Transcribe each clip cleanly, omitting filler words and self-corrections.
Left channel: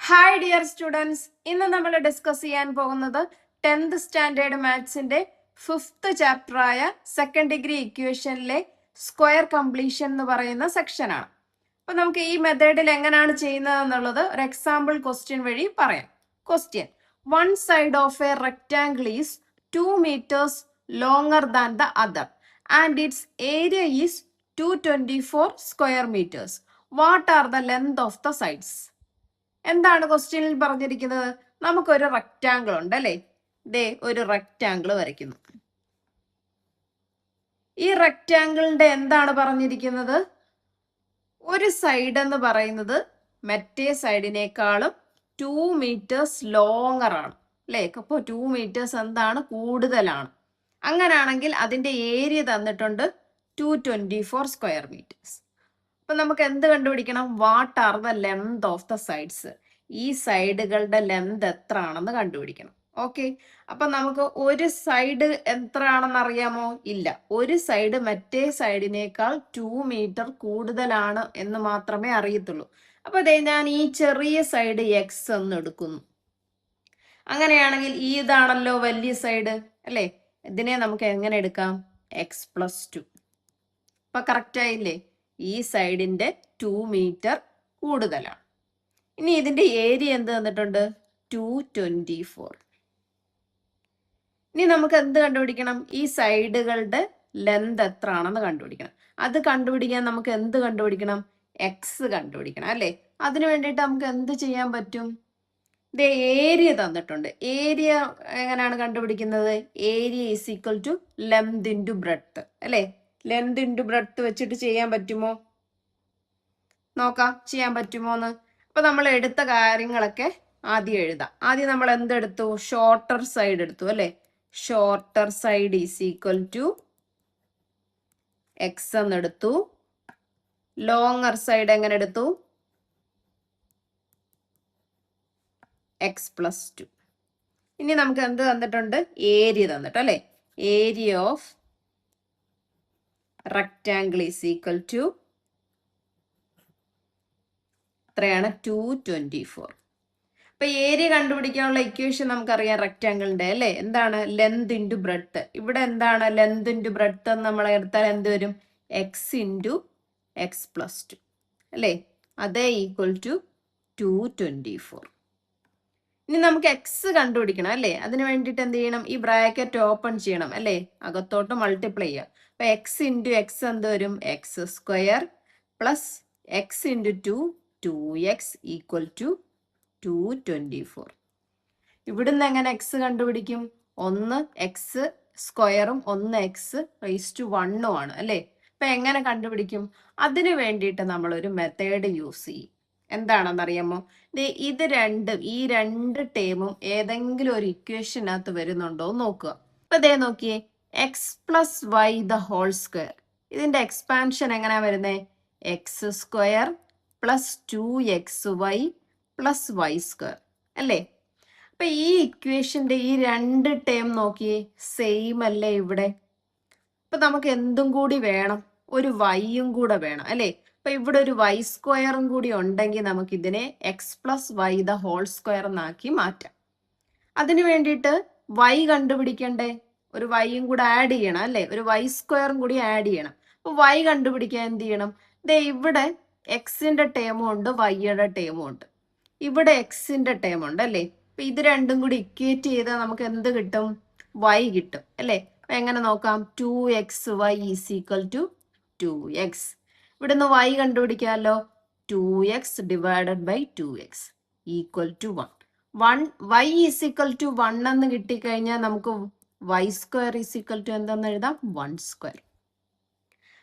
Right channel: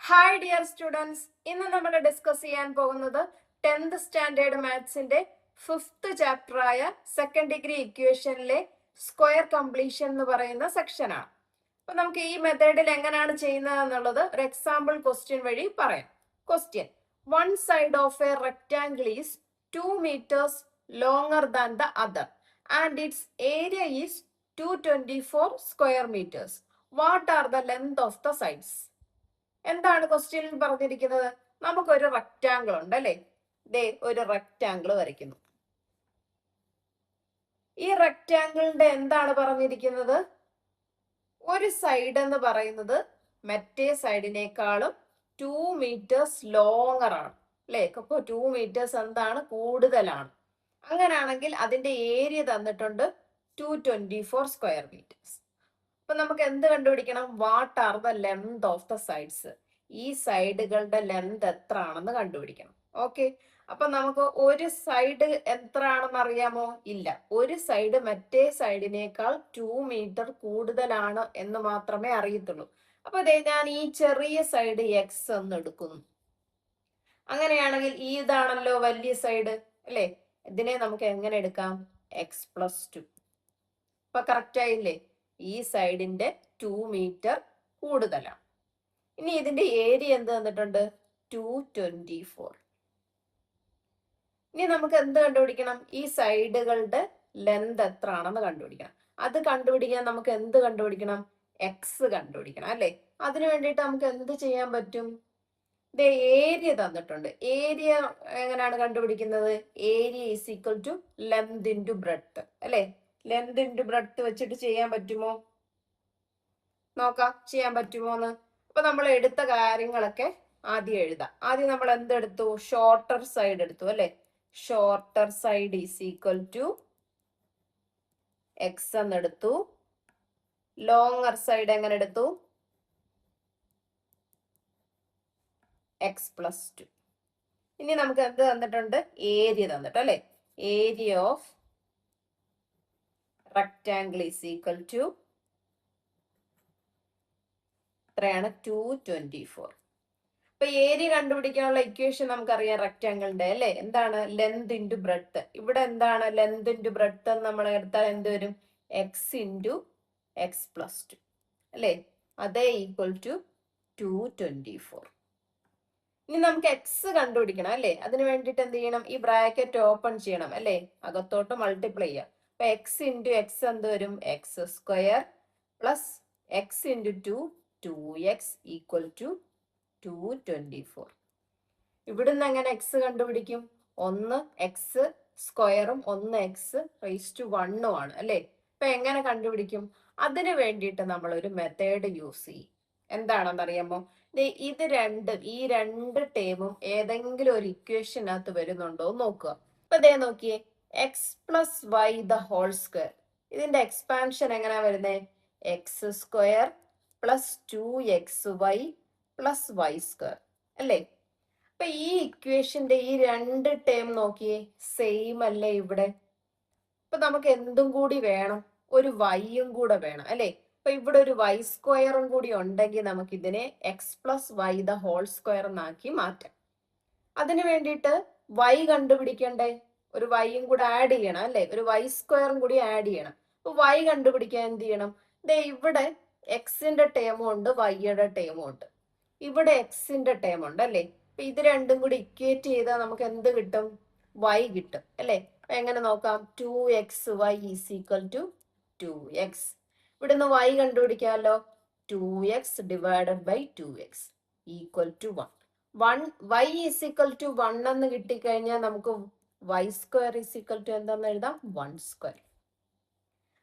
Hi dear students, ഇന്ന് നമ്മൾ discuss ചെയ്യാൻ പോകുന്നത് 10th സ്റ്റാൻഡേർഡ് മാത്സിന്റെ 5th ചാപ്റ്ററായ സെക്കൻഡ് ഡിഗ്രി ഇക്വേഷനിലെ സ്ക്വയർ കംപ്ലീഷൻ എന്ന് പറയുന്ന സെക്ഷനാണ്. അപ്പൊ നമുക്ക് ഈ മെത്തേഡിൽ എങ്ങനെയാണ് ചെയ്യുന്നത് എന്നുള്ളത് ഒരു എക്സാമ്പിൾ ക്വസ്റ്റ്യൻ വഴി പറയാം. Question: one side of A rectangle is 2 meters longer than the other and it's area is 224 square meters. What are the length of the sides? എന്താണ് ക്വസ്റ്റ്യനിൽ പറഞ്ഞിരിക്കുന്നത്? നമുക്കൊരു റെക്റ്റാങ്കിൾ ഉണ്ട് അല്ലെ? ദേ ഒരു റെക്റ്റാങ്കിൾ വരയ്ക്കുന്നു. ഈ റെക്റ്റാങ്കിളിന്റെ എന്താണ് പറഞ്ഞിരിക്കുന്നത്? ഒരു സൈഡ് എന്ന് പറയുന്നത് മറ്റേ സൈഡിനേക്കാളും 2 meters ലോങ്ങർ ആണ് അല്ലെ? അപ്പോ 2 meters എന്താണ്? കൂടുതലാണ്. അങ്ങനാണെങ്കിൽ അതിന്റെ ഏരിയ തന്നിട്ടുണ്ട് 224 square meters. അപ്പൊ നമുക്ക് എന്ത് കണ്ടുപിടിക്കണം? What are the length of the sides? ഈ സൈഡുകളുടെ ലെങ്ത് എത്ര ആണെന്ന് കണ്ടുപിടിക്കണം. ഓക്കെ, അപ്പൊ നമുക്ക് ഒരു സൈഡ് എത്ര ആണെന്ന് അറിയാമോ? ഇല്ല. ഒരു സൈഡ് മറ്റേ സൈഡിനേക്കാൾ 2 meter കൂടുതലാണ് എന്ന് മാത്രമേ അറിയത്തുള്ളൂ. അപ്പൊ അതെ, ഞാൻ ഈ ചെറിയ സൈഡ് എക്സ് എന്ന് എടുക്കുന്നു. അങ്ങനെയാണെങ്കിൽ ഈ ഇതാണല്ലോ വലിയ സൈഡ് അല്ലെ? ഇതിനെ നമുക്ക് എങ്ങനെ എടുക്കാം? x+2. അപ്പൊ കറക്റ്റ് ആയില്ലേ? ഈ സൈഡിന്റെ 2 meter കൂടുതലാണ്. ഇനി ഇതിന്റെ ഏരിയ എന്ത് തന്നിട്ടുണ്ട്? 224. ഇനി നമുക്ക് എന്ത് കണ്ടുപിടിക്കണം? ഈ സൈഡുകളുടെ ലെന്ത് എത്ര ആണെന്ന് കണ്ടുപിടിക്കണം. അത് കണ്ടുപിടിക്കാൻ നമുക്ക് എന്ത് കണ്ടുപിടിക്കണം? എക്സ് കണ്ടുപിടിക്കണം അല്ലെ? അതിനു വേണ്ടിയിട്ട് നമുക്ക് എന്ത് ചെയ്യാൻ പറ്റും? ഇത് ഏരിയ തന്നിട്ടുണ്ട്. ഏരിയ എങ്ങനെയാണ് കണ്ടുപിടിക്കുന്നത്? Area is equal to length into breadth അല്ലെ? ലെങ്ത് ഇൻറ്റു ബ്രെഡ്ത്ത് വെച്ചിട്ട് ചെയ്യാൻ പറ്റുമോ? നോക്കാം ചെയ്യാൻ പറ്റുമോ എന്ന്. അപ്പൊ നമ്മൾ എടുത്ത കാര്യങ്ങളൊക്കെ ആദ്യം എഴുതാം. ആദ്യം നമ്മൾ എന്തെടുത്തു? ഷോർട്ടർ സൈഡ് എടുത്തു അല്ലെ? Shorter side is equal to x എന്നെടുത്തു. ലോങ്ങർ സൈഡ് എങ്ങനെ എടുത്തു? x+2. ഇനി നമുക്ക് എന്ത് തന്നിട്ടുണ്ട്? ഏരിയ തന്നിട്ട് അല്ലെ? Area of rectangle is equal to എത്രയാണ്? 224. അപ്പൊ ഏരിയ കണ്ടുപിടിക്കാനുള്ള ഇക്വേഷൻ നമുക്കറിയാം റെക്ടാംഗിളിന്റെ അല്ലെ? എന്താണ്? Length into breadth. ഇവിടെ എന്താണ് ലെങ്ത് ഇൻറ്റു ബ്രെഡ്ത്ത് എന്ന് നമ്മൾ എടുത്താൽ എന്ത് വരും? എക്സ് ഇൻറ്റു x+2 അല്ലെ? അതേ ഈക്വൽ ടു 224. ഇനി നമുക്ക് എക്സ് കണ്ടുപിടിക്കണം അല്ലെ? അതിന് വേണ്ടിയിട്ട് എന്ത് ചെയ്യണം? ഈ ബ്രാക്കറ്റ് ഓപ്പൺ ചെയ്യണം അല്ലെ? അകത്തോട്ട് മൾട്ടിപ്ലൈ ചെയ്യുക. അപ്പൊ എക്സ് ഇൻറ്റു എക്സ് എന്ത് വരും? x² plus x into 2x equal to 224. ഇവിടുന്ന് എങ്ങനെ എക്സ് കണ്ടുപിടിക്കും? ഒന്ന് എക്സ് സ്ക്വയറും ഒന്ന് x⁻1 ആണ് അല്ലെ? അപ്പൊ എങ്ങനെ കണ്ടുപിടിക്കും? അതിന് വേണ്ടിയിട്ട് നമ്മൾ ഒരു മെത്തേഡ് യൂസ് ചെയ്യും. എന്താണെന്നറിയാമോ? ഈ രണ്ട് ടേമും ഏതെങ്കിലും ഒരു ഇക്വേഷനകത്ത് വരുന്നുണ്ടോ നോക്കുക. അപ്പൊ ദേ നോക്കിയേ, x+y ദ ഹോൾ സ്ക്വയർ. ഇതിന്റെ എക്സ്പാൻഷൻ എങ്ങനെയാ വരുന്നേ? x² plus 2xy plus y² അല്ലേ? അപ്പൊ ഈ ഇക്വേഷന്റെ ഈ രണ്ട് ടേം നോക്കിയേ, സെയിം അല്ലേ ഇവിടെ? അപ്പൊ നമുക്ക് എന്തും കൂടി വേണം? ഒരു വൈയും കൂടെ വേണം അല്ലേ? അപ്പൊ ഇവിടെ ഒരു y² കൂടി ഉണ്ടെങ്കിൽ നമുക്ക് ഇതിനെ x+y ദ ഹോൾ സ്ക്വയർ എന്നാക്കി മാറ്റാം. അതിനു വേണ്ടിയിട്ട് y കണ്ടുപിടിക്കണ്ടേ? ഒരു വൈയും കൂടെ ആഡ് ചെയ്യണം അല്ലെ? ഒരു y² കൂടി ആഡ് ചെയ്യണം. അപ്പൊ y കണ്ടുപിടിക്കാൻ എന്ത് ചെയ്യണം? ദേ ഇവിടെ എക്സിന്റെ ടേമും ഉണ്ട്, വൈയുടെ ടേമും ഉണ്ട്. ഇവിടെ എക്സിന്റെ ടേം ഉണ്ട് അല്ലേ? അപ്പൊ ഇത് രണ്ടും കൂടി ഇക്വേറ്റ് ചെയ്താൽ നമുക്ക് എന്ത് കിട്ടും? y കിട്ടും അല്ലെ? എങ്ങനെ നോക്കാം? 2xy is equal to 2x. ഇവിടുന്ന് y കണ്ടുപിടിക്കാമല്ലോ. 2x divided by 2x equal to 1. y is equal to 1 എന്ന് കിട്ടിക്കഴിഞ്ഞാൽ നമുക്ക് y² ഈസ് ഈക്വൽ ടു എന്തെന്ന് എഴുതാം? 1².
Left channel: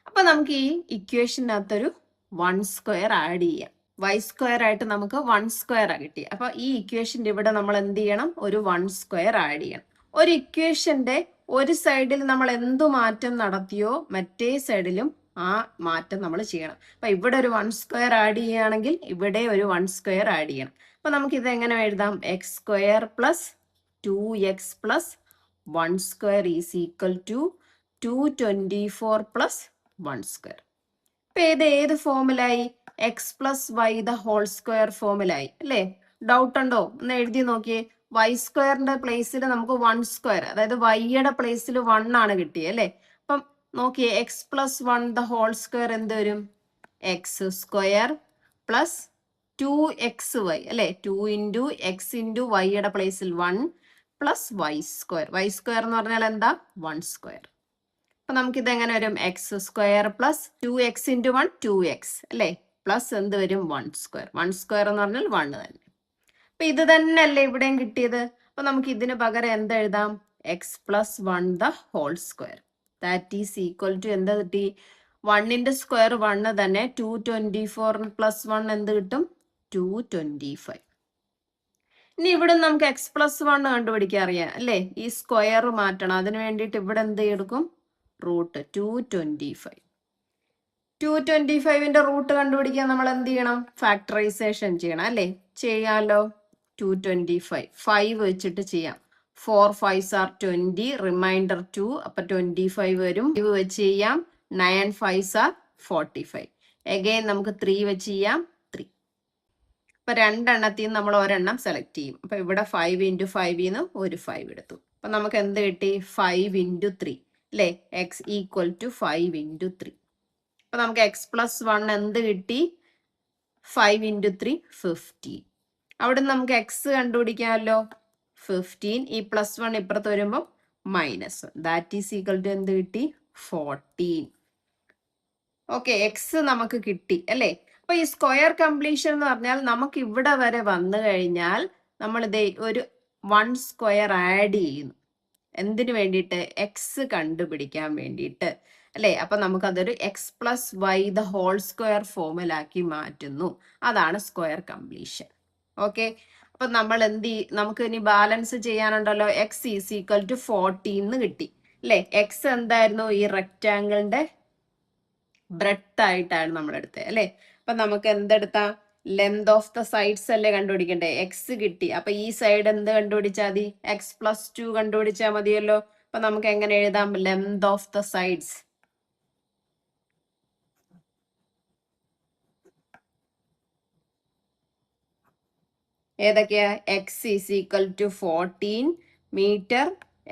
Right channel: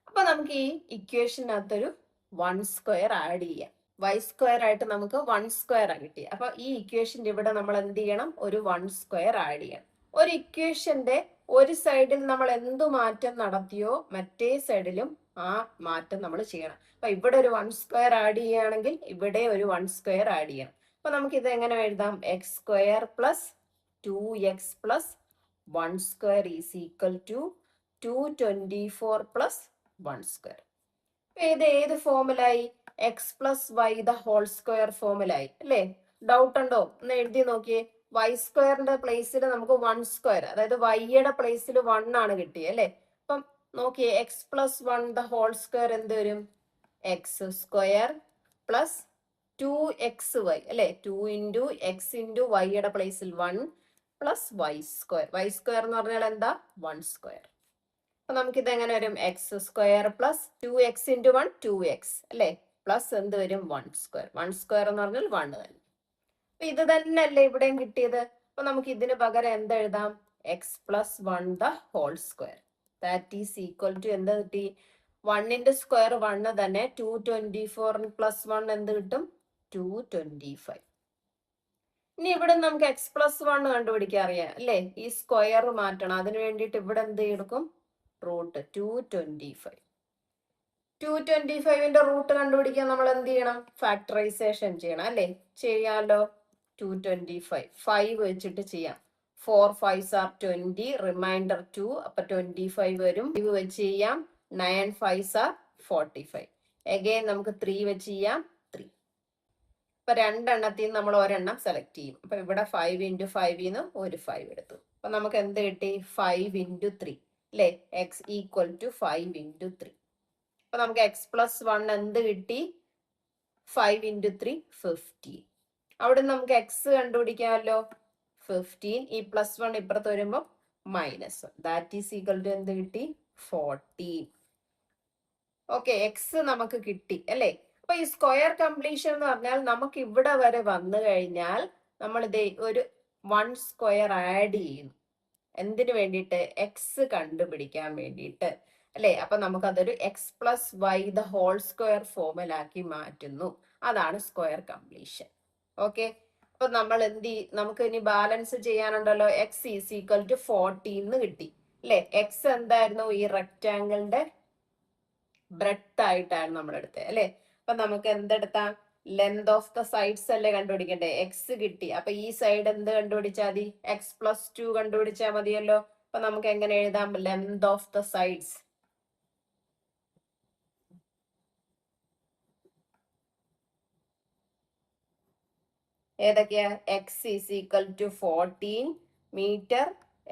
അപ്പൊ നമുക്ക് ഈ ഇക്വേഷനകത്തൊരു 1² ആഡ് ചെയ്യാം. y² ആയിട്ട് നമുക്ക് 1² കിട്ടി. അപ്പൊ ഈ ഇക്വേഷന്റെ ഇവിടെ നമ്മൾ എന്ത് ചെയ്യണം? ഒരു 1² ആഡ് ചെയ്യണം. ഒരു ഇക്വേഷന്റെ ഒരു സൈഡിൽ നമ്മൾ എന്തു മാറ്റം നടത്തിയോ മറ്റേ സൈഡിലും ആ മാറ്റം നമ്മൾ ചെയ്യണം. അപ്പൊ ഇവിടെ ഒരു 1² ആഡ് ചെയ്യുകയാണെങ്കിൽ ഇവിടെ ഒരു 1² ആഡ് ചെയ്യണം. അപ്പൊ നമുക്ക് ഇത് എങ്ങനെ എഴുതാം? x² plus 2x plus 1² is equal to 224 plus 1². അപ്പൊ ഏത് ഫോമിലായി? x+y ദ ഹോൾ സ്ക്വയർ ഫോമിലായി അല്ലേ? ഡൗട്ട് ഉണ്ടോ? ഒന്ന് എഴുതി നോക്കിയേ. വൈ സ്ക്വയറിന്റെ പ്ലേസിൽ നമുക്ക് 1 സ്ക്വയർ, അതായത് വൈയുടെ പ്ലേസിൽ 1 ആണ് കിട്ടിയത് അല്ലേ? അപ്പം നോക്കിയേ, x plus 1 the whole square എന്ത് വരും? എക്സ് സ്ക്വയർ പ്ലസ് 2xy അല്ലെ? 2 ഇൻറ്റു എക്സ് ഇൻറ്റു വൈയുടെ പ്ലേസിൽ 1 plus y square. Y square എന്ന് പറഞ്ഞാൽ എന്താ? 1 സ്ക്വയർ. അപ്പൊ നമുക്കിത് എങ്ങനെ വരും? X square plus 2x into 1 2x അല്ലെ? പ്ലസ് എന്ത് വരും? 1 സ്ക്വയർ. 1 സ്ക്വയർ എന്ന് പറഞ്ഞാൽ 1 തന്നെ. അപ്പൊ ഇത് തന്നെ അല്ലേ ഇവിടെയും കിട്ടിയത്? അപ്പൊ നമുക്ക് ഇതിന് പകരം എന്തെഴുതാം? X plus 1 the whole square that is equal to എന്ത് കിട്ടി? 1ന്റെ സ്ക്വയർ 1 തന്നെ. 224 പ്ലസ് 1 എന്ത് കിട്ടും? 225. ഇനി ഇവിടെ നമുക്ക് എക്സ് പ്ലസ് 1 കണ്ടുപിടിക്കാൻ അറിയാം അല്ലേ? ഈ സ്ക്വയർ മാറ്റണം. അതിന് വേണ്ടിയിട്ട് ഇവിടെ എന്ത് എടുക്കും? റൂട്ട് 225. 225ന്റെ റൂട്ട് കണ്ടുപിടിക്കാൻ നമ്മൾ എന്ത് ചെയ്യണം? ഫാക്ടറൈസേഷൻ ചെയ്യണം അല്ലേ? ചെയ്യാലോ. 225 5 വെച്ചിട്ട് ചെയ്യാം. 4 5s are 20, റിമൈൻഡർ 2, അപ്പൊ 25 വരും. 5 വെച്ച് ചെയ്യാം. 9 5s are 45. അഗൈൻ നമുക്ക് 3 വെച്ച് ചെയ്യാം. 3. അപ്പൊ രണ്ടെണ്ണത്തിൽ നിന്ന് നമ്മൾ ഒരെണ്ണം സെലക്ട് ചെയ്യും. അപ്പൊ ഇവിടെ 5 ഇൻറ്റു 5ന്ന് ഒരു 5 എടുത്തു. അപ്പൊ നമുക്ക് എന്ത് കിട്ടി? 5 ഇൻറ്റു 3 അല്ലേ? X equal to 5 into 3. അപ്പൊ നമുക്ക് എക്സ് പ്ലസ് 1 എന്ത് കിട്ടി? 5 ഇൻറ്റു 3 15. അവിടെ നമുക്ക് എക്സ് കണ്ടുപിടിക്കാമല്ലോ. 15. ഈ പ്ലസ് 1 ഇപ്പുറത്ത് വരുമ്പോൾ minus, that is equal to എന്ത് കിട്ടി? 14. ഓക്കെ, എക്സ് നമുക്ക് കിട്ടി അല്ലേ? അപ്പൊ ഈ സ്ക്വയർ കംപ്ലീഷൻ എന്ന് പറഞ്ഞാൽ നമുക്ക് ഇവിടെ വരെ വന്നു കഴിഞ്ഞാൽ നമ്മൾ ഇതേ ഒരു 1 സ്ക്വയർ ആഡ് ചെയ്യുന്നു. എന്തിനു വേണ്ടിയിട്ട്? എക്സ് കണ്ടുപിടിക്കാൻ വേണ്ടിയിട്ട് അല്ലേ? അപ്പൊ നമുക്കതൊരു x plus y the whole square ഫോമിലാക്കി മാറ്റുന്നു. അതാണ് സ്ക്വയർ കംപ്ലീഷൻ. ഓക്കെ, അപ്പൊ നമ്മൾ നമുക്ക് ഇനി ബാലൻസ് ചെയ്യാനുണ്ടല്ലോ. എക്സ് ഈസ് ഈക്വൽ ടു 14 കിട്ടി അല്ലേ? എക്സ് എന്തായിരുന്നു? ഈ റെക്റ്റാങ്കിളിന്റെ ബ്രെഡ്ത്ത് ആയിട്ടാണ് നമ്മൾ എടുത്തത് അല്ലേ? അപ്പൊ നമുക്ക് എന്തെടുത്താ? ലെങ്ത് ഓഫ് ദ സൈഡ്സ് അല്ലേ കണ്ടുപിടിക്കണ്ടേ? എക്സ് കിട്ടി. അപ്പൊ ഈ സൈഡ് എന്ത് കണ്ടുപിടിച്ചാൽ മതി? എക്സ് പ്ലസ് 2 കണ്ടുപിടിച്ചാൽ മതിയല്ലോ. അപ്പൊ നമുക്ക് എങ്ങനെ എഴുതാം? ലെങ്ത് ഓഫ് ദ സൈഡ്സ് ഏതൊക്കെയാ? X is equal to 14 metre.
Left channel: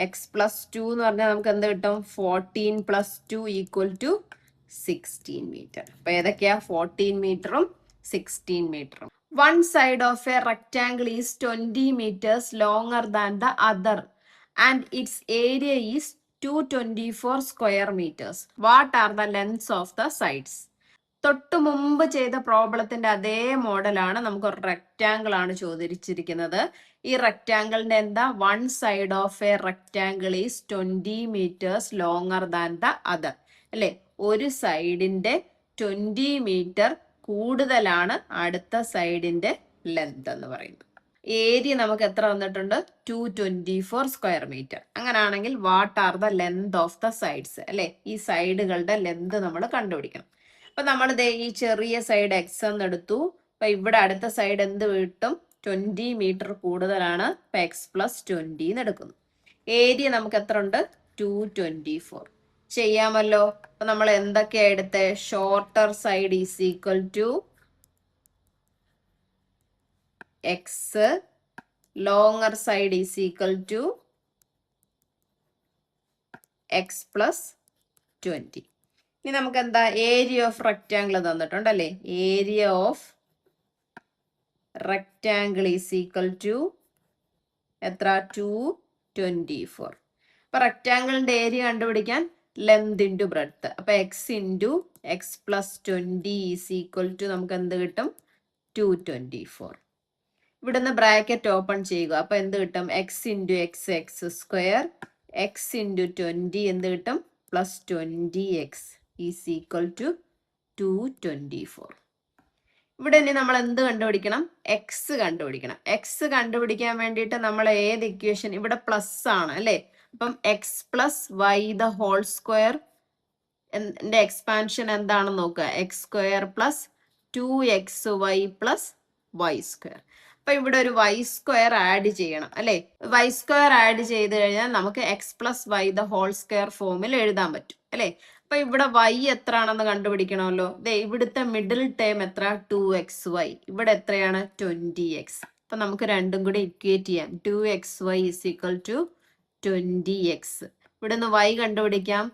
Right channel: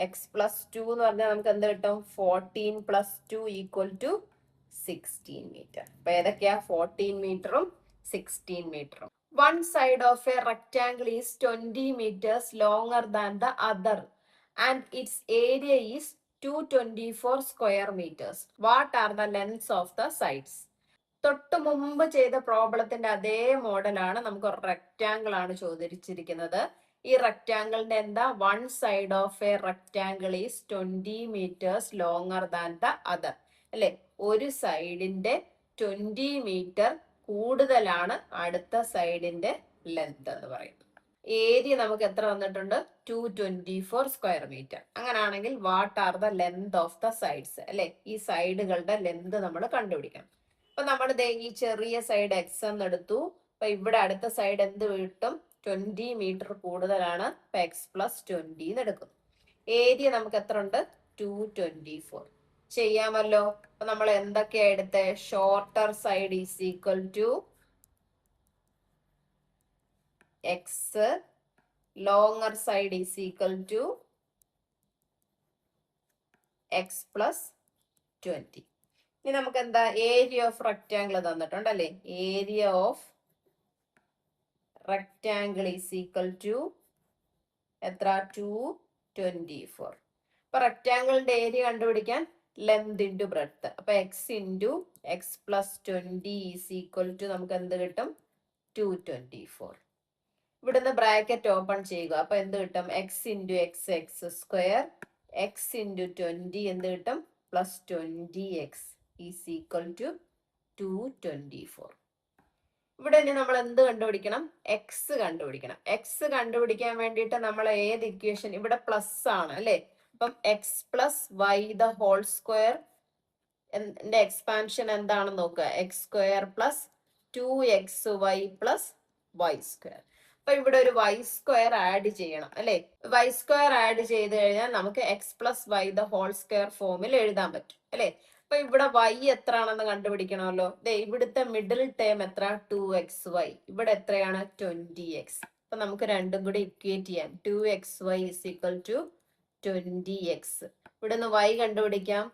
X plus 2 എന്ന് പറഞ്ഞാൽ നമുക്ക് എന്ത് കിട്ടും? 14 പ്ലസ് 2 ഈക്വൽ ടു 16 മീറ്റർ. അപ്പൊ ഏതൊക്കെയാ? 14 മീറ്ററും 16 മീറ്ററും. One side of a rectangle is 20 meters longer than the other and its area is 224 square meters. What are the lengths of the sides? തൊട്ട് മുമ്പ് ചെയ്ത പ്രോബ്ലത്തിന്റെ അതേ മോഡലാണ്. നമുക്ക് ഒരു റെക്റ്റാങ്കിൾ ആണ് ചോദിച്ചിരിക്കുന്നത്. ഈ റെക്റ്റാങ്കിളിന്റെ എന്താ? One side of A rectangle is 20 meters longer than the other അല്ലെ? ഒരു സൈഡിന്റെ 20 മീറ്റർ കൂടുതലാണ് അടുത്ത സൈഡിന്റെ ലെങ്ത് എന്ന് പറയുന്നത്. ഏരിയ നമുക്ക് എത്ര വന്നിട്ടുണ്ട്? 224 സ്ക്വയർ മീറ്റർ. അങ്ങനെയാണെങ്കിൽ what are the length of the sides അല്ലെ? ഈ സൈഡുകളുടെ ലെങ്ത് നമ്മൾ കണ്ടുപിടിക്കണം. അപ്പൊ നമ്മൾ ഈ ചെറിയ സൈഡ് എക്സ് എന്ന് എടുത്തു. അപ്പൊ ഇവിടെ അടുത്ത സൈഡ് എന്ത് കിട്ടും? 20 മീറ്റർ കൂടുതലാണ്. അപ്പൊ എക്സ് പ്ലസ് 20 എന്ന് എടുക്കുന്നു. ഏരിയ നമുക്ക് എത്ര ഉണ്ട്? 224. ചെയ്യാമല്ലോ. അപ്പൊ നമ്മൾ എന്തൊക്കെയാ എടുത്തേ? Shorter side is equal to x, longer side is equal to x plus 20. ഇനി നമുക്ക് എന്താ? ഏരിയ ഓഫ് റെക്റ്റാങ്കിൾ തന്നിട്ടുണ്ടല്ലേ? Area of rectangle is equal to എത്ര? 224. അപ്പൊ റെക്റ്റാങ്കിളിന്റെ ഏരിയ കണ്ടുപിടിക്കാൻ ലെങ്ത് ഇൻറ്റു ബ്രെഡ്ത്ത്. അപ്പൊ x into x plus 20 is equal to നമുക്ക് എന്ത് കിട്ടും? 224. ഇവിടുന്ന് ബ്രാക്കറ്റ് ഓപ്പൺ ചെയ്യുക. അപ്പൊ എന്ത് കിട്ടും? X into x x square, x into 20 എന്ത് കിട്ടും? Plus 20x is equal to 224. ഇവിടെ ഇനി നമ്മൾ എന്ത് കണ്ടുപിടിക്കണം? എക്സ് കണ്ടുപിടിക്കണം. എക്സ് കണ്ടുപിടിക്കാൻ വേണ്ടിയിട്ട് നമ്മൾ ഏത് ഇക്വേഷൻ? ഇവിടെ പ്ലസ് ആണ് അല്ലേ? അപ്പം x plus y the whole square expansion എന്താണെന്ന് നോക്കുക. X square plus 2xy plus y square. അപ്പൊ ഇവിടെ ഒരു വൈ സ്ക്വയർ ആഡ് ചെയ്യണം അല്ലെ? വൈ സ്ക്വയർ ആഡ് ചെയ്ത് കഴിഞ്ഞാൽ നമുക്ക് x plus y the whole square ഫോമിൽ എഴുതാൻ പറ്റും അല്ലെ? അപ്പൊ ഇവിടെ വൈ എത്ര ആണെന്ന് കണ്ടുപിടിക്കണമല്ലോ. ഇവിടുത്തെ മിഡിൽ ടേം എത്ര? 2xy. ഇവിടെ എത്രയാണ്? 20x. അപ്പൊ നമുക്ക് രണ്ടും കൂടി ഇക്വേറ്റ് ചെയ്യാം. 2xy = 20x. ഇവിടെ നിന്ന് y കണ്ടുപിടിക്കാം.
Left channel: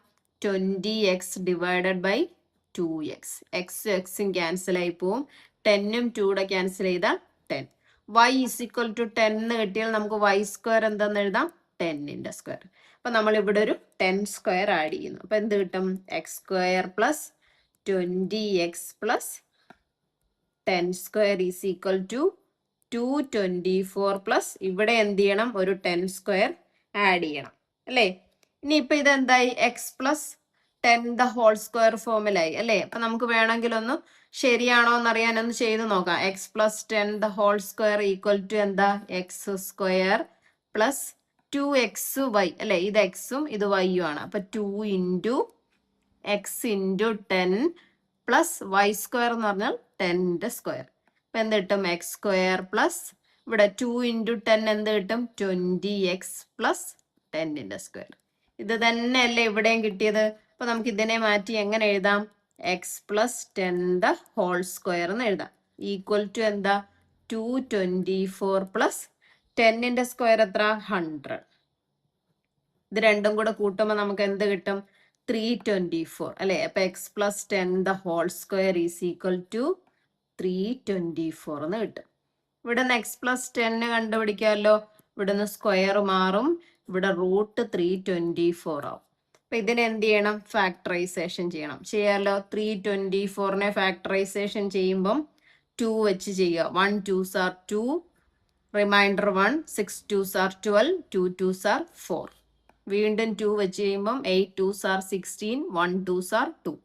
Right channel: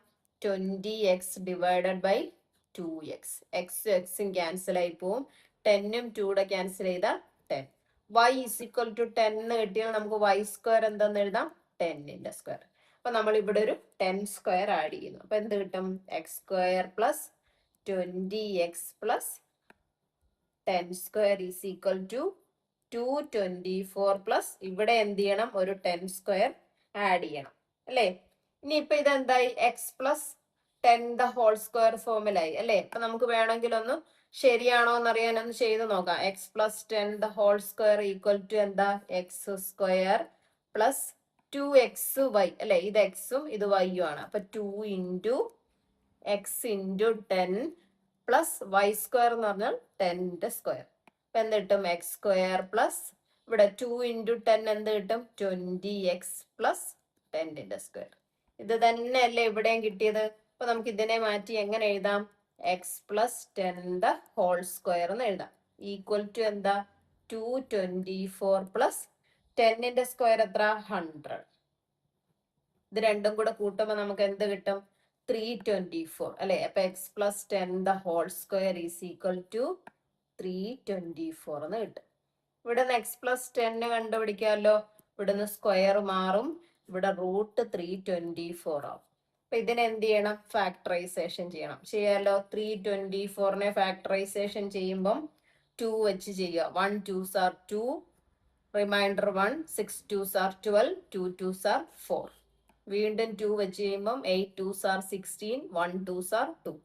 20x divided by 2x. എക്സും ക്യാൻസൽ ആയി പോവും. 10ഉം 2 ക്യാൻസൽ ചെയ്താൽ 10. y = 10 എന്ന് കിട്ടിയാൽ നമുക്ക് y² എന്താന്ന് എഴുതാം? 10ന്റെ സ്ക്വയർ. അപ്പൊ നമ്മൾ ഇവിടെ ഒരു 10² ആഡ് ചെയ്യുന്നു. അപ്പൊ എന്ത് കിട്ടും? x² plus 20x plus 10² = 224 plus ഇവിടെ എന്ത് ചെയ്യണം? ഒരു 10² ആഡ് ചെയ്യണം അല്ലേ? ഇനിയിപ്പൊ ഇത് എന്തായി? എക്സ് പ്ലസ് 10² ഫോമിലായി അല്ലേ? അപ്പൊ നമുക്ക് വേണമെങ്കിൽ ഒന്ന് ശരിയാണോ എന്നറിയാൻ ഒന്ന് ചെയ്ത് നോക്കാം. x പ്ലസ് 10² = എന്താ? x² പ്ലസ് 2xy അല്ലെ? ഇത് എക്സും ഇത് വൈയും ആണ്. അപ്പൊ 2 × x × 10 പ്ലസ് y² എന്ന് പറഞ്ഞാൽ 10ന്റെ സ്ക്വയർ. അപ്പൊ എന്ത് കിട്ടും? x² പ്ലസ് ഇവിടെ 2 × 10 എന്ത് കിട്ടും? 20x plus 10ന്റെ square. ഇത് തന്നെയല്ലേ ഇവിടെയും കിട്ടിയത്? അപ്പൊ നമുക്ക് ഇതിനെ മാറ്റി എങ്ങനെ എഴുതാം? x പ്ലസ് 10² എന്ന് എഴുതാം. ഈക്വൽ ടു എന്താ? 224 പ്ലസ് 10ന്റെ സ്ക്വയർ എത്ര? 100. ഇത് രണ്ടും കൂടെ കൂട്ടുമ്പോൾ നമുക്ക് എന്ത് കിട്ടും? 324 അല്ലെ? അപ്പൊ x പ്ലസ് 10² = 324 എന്ന് കിട്ടും. ഇവിടെ നിന്ന് x പ്ലസ് 10 കണ്ടുപിടിക്കാമല്ലോ. ഇവിടെ നിന്ന് സ്ക്വയർ മാറും. ഇവിടെ √324 ആവും. അപ്പൊ ഇതിനെ എന്ത് ചെയ്യണം? ഫാക്ടറൈസേഷൻ ചെയ്യണം. ചെയ്യാലോ? 324നെ ഫാക്ടറൈസേഷൻ ചെയ്യുമ്പം 2 വെച്ച് ചെയ്യുക. 1 2s are 2, reminder 1, 6 2s are 12, 2 2s are 4. വീണ്ടും 2 വെച്ച് ചെയ്യുമ്പം 8 2s are 16, 1 2s are 2.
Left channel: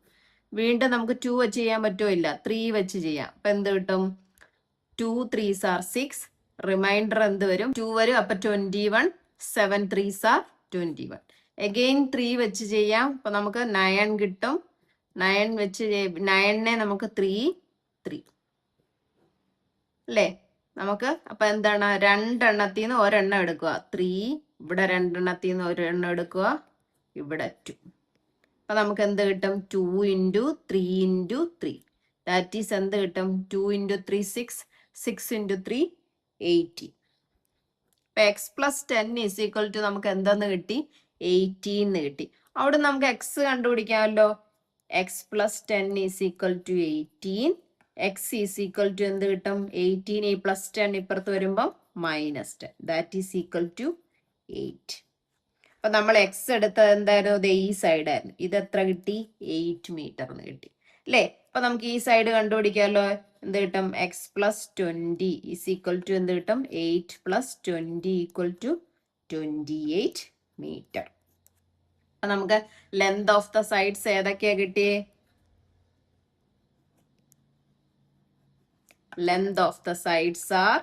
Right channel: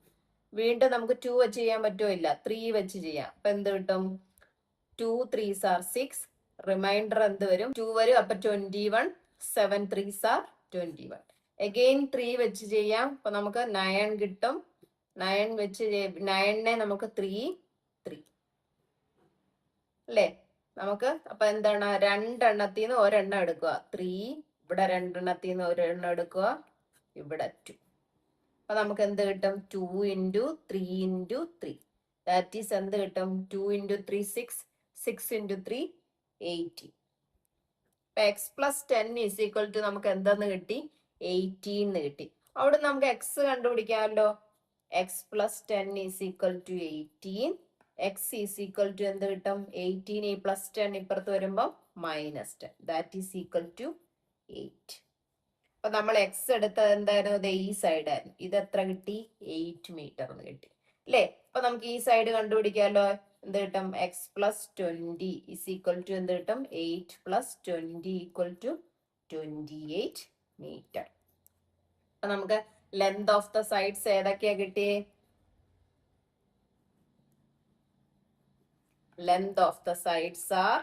വീണ്ടും നമുക്ക് 2 വെച്ച് ചെയ്യാൻ പറ്റുമോ? ഇല്ല. 3 വെച്ച് ചെയ്യാം. അപ്പൊ എന്ത് കിട്ടും? 2 3s are 6, റിമൈൻഡർ എന്ത് വരും? 2 വരും. അപ്പൊ 21, 7 3s are 21. അഗെയിൻ 3 വെച്ച് ചെയ്യാം. അപ്പൊ നമുക്ക് 9 കിട്ടും. 9 വെച്ച് 9നെ നമുക്ക് 3 അല്ലേ? നമുക്ക് അപ്പൊ എന്താണ്? രണ്ടെണ്ണത്തിൽ നിന്ന് ഒരെണ്ണം എടുക്കുക. 3. ഇവിടെ രണ്ടെണ്ണത്തിൽ നിന്ന് ഒരെണ്ണം എടുക്കുക. ഇവിടെ 2. അപ്പൊ നമുക്ക് എന്ത് കിട്ടും? 2 × 3 × 3. ദാറ്റ് ഈസ് എന്ത് കിട്ടും? 2 × 3 6, 6 × 3 18. അപ്പൊ x പ്ലസ് 10 = നമുക്ക് എന്തെന്ന് കിട്ടി? 18 എന്ന് കിട്ടി. അവിടെ നമുക്ക് x കണ്ടുപിടിക്കാമല്ലോ. x plus 10 = 18. x = എന്ത് കിട്ടും? 18 പ്ലസ് 10 ഇപ്പുറത്ത് വരുമ്പോൾ -10. That is equal to 8. അപ്പൊ നമ്മൾ x എടുത്തത് എന്തായിരുന്നു? ഈ സൈഡ് ആയിരുന്നു. ഇത് എത്ര കിട്ടി? 8 മീറ്റർ എന്ന് കിട്ടി അല്ലേ? അപ്പൊ നമുക്ക് ഈ സൈഡ് കണ്ടുപിടിക്കാമല്ലോ. എന്ത് കിട്ടും? x പ്ലസ് 20 = എന്ത് കിട്ടും? 8 പ്ലസ് 20 = 28 മീറ്റർ. അപ്പൊ നമുക്ക് ലെങ്ത് ഓഫ് ദ സൈഡ്സ് ഏതൊക്കെയാ കിട്ടിയേ? Length of the sides are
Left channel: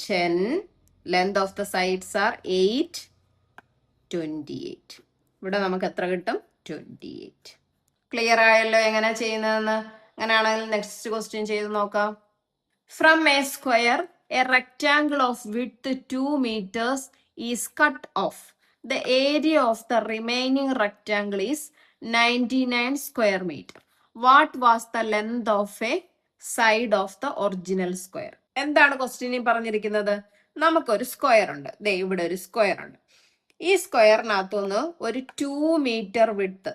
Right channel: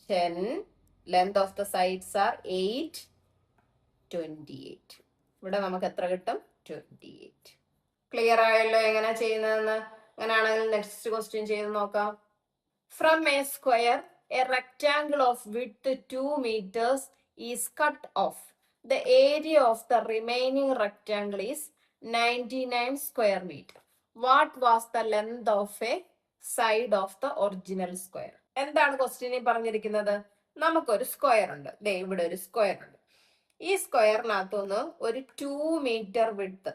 10. Length of the sides are 8, 28. ഇവിടെ നമുക്ക് എത്ര കിട്ടും? 28. ക്ലിയർ ആയല്ലോ എങ്ങനെ ചെയ്യുന്നതെന്ന്? അങ്ങനെയാണെങ്കിൽ നെക്സ്റ്റ് ക്വസ്റ്റ്യൻ ചെയ്ത് നോക്കാം. From a square, a rectangle of width 2 meters is cut off. The area of the remaining rectangle is 99 square meter. What was the length of a side of the original square? എന്താണ് ക്വസ്റ്റ്യനിൽ പറഞ്ഞിരിക്കുന്നത്? നമുക്കൊരു square ഉണ്ട്. ദേ ഇവിടെ ഒരു square ഉണ്ട്. ഈ സ്ക്വയറിനകത്തുനിന്ന് ഒരു 2 മീറ്റർ വിഡ്ത്ത്,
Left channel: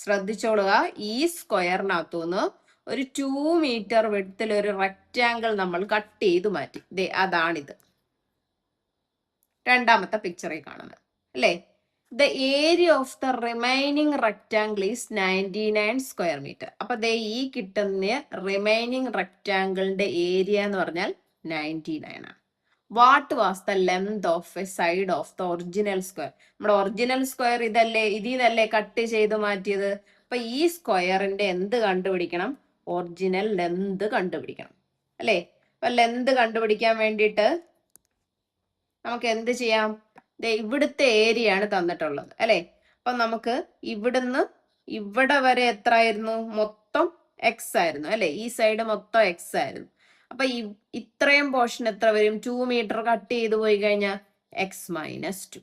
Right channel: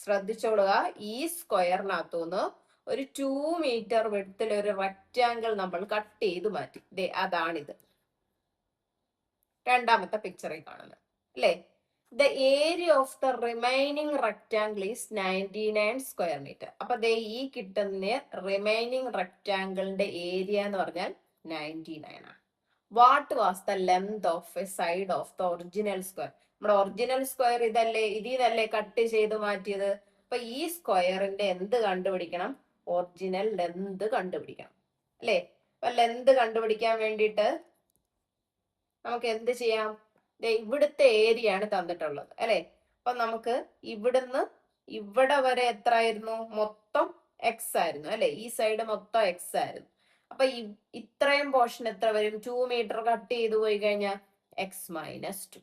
ശ്രദ്ധിച്ചോളുക, ഈ സ്ക്വയറിനകത്തുനിന്ന് ഒരു 2 മീറ്റർ വിഡ്ത്തിൽ ഒരു റെക്റ്റാങ്കിൾ നമ്മൾ കട്ട് ചെയ്ത് മാറ്റി. ദേ അതാണിത്, രണ്ടാമത്തെ പിക്ചറിൽ കാണുന്നത് അല്ലേ? The area of the remaining rectangle is 99 square meter. അപ്പൊ ദേ ഈ കിട്ടുന്ന റിമൈനിങ് റെക്റ്റാങ്കിളിന്റെ ഏരിയ എന്ന് പറഞ്ഞാൽ 99 ആണ്. What was the length of a side of the original square? നമ്മുടെ ഒറിജിനൽ സ്ക്വയർ ഇതല്ലേ, ഇതിന്നല്ലേ കട്ട് ചെയ്ത് മാറ്റിയത്. അപ്പൊ ഈ സ്ക്വയറിന്റെ എന്ത് കണ്ടുപിടിക്കണം? ഒറിജിനൽ ലെന്ത് കണ്ടുപിടിക്കണം അല്ലേ? അപ്പൊ ലെന്ത് കണ്ടുപിടിക്കാൻ വേണ്ടിയിട്ട് നമുക്ക് എന്ത് ചെയ്യാം? ഇവിടുത്തെ ഏരിയ ആണ് തന്നിട്ടുള്ളത് അല്ലെ? അപ്പൊ നമുക്ക് ഇവിടുന്ന് ഇവിടെ വരെ എത്ര ആയിരുന്നു? മൊത്തം എക്സ് ആയിരുന്നു അല്ലെ? ഈ സൈഡ് മൊത്തം എക്സ് ആയിരുന്നു. അപ്പൊ ഇത്രയും പോർഷൻ എത്ര വരും? 2 മീറ്റർ കട്ട് ചെയ്ത് പോയി കഴിഞ്ഞാൽ x - 2.